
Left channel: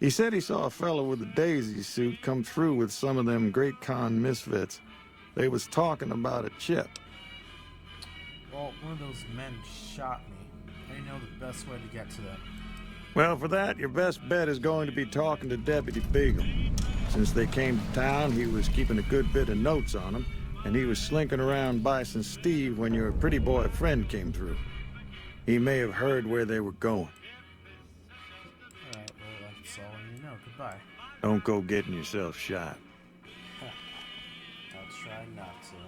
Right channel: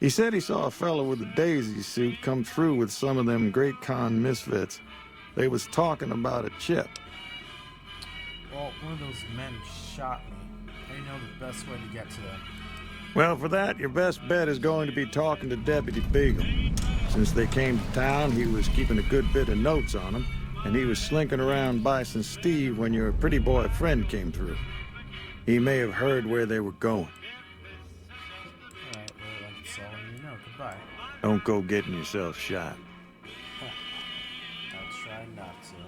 He said he saw a fellow with a daisy suit come through with some of them Great Con misfits. They was talking about a chip. Well, one of those men shot me. They know the best way to get to them. Well, for that, your best bet is going to be talking to Deputy Beagle. Since they came to town, he was keeping a good bit of notes on them, and he was slinking around Bison Steve when your pretty boy friend came through. He may have heard where they were going. Alright, well, that's all you know. Goodbye. Don't go getting yourself shot. I'll try not to.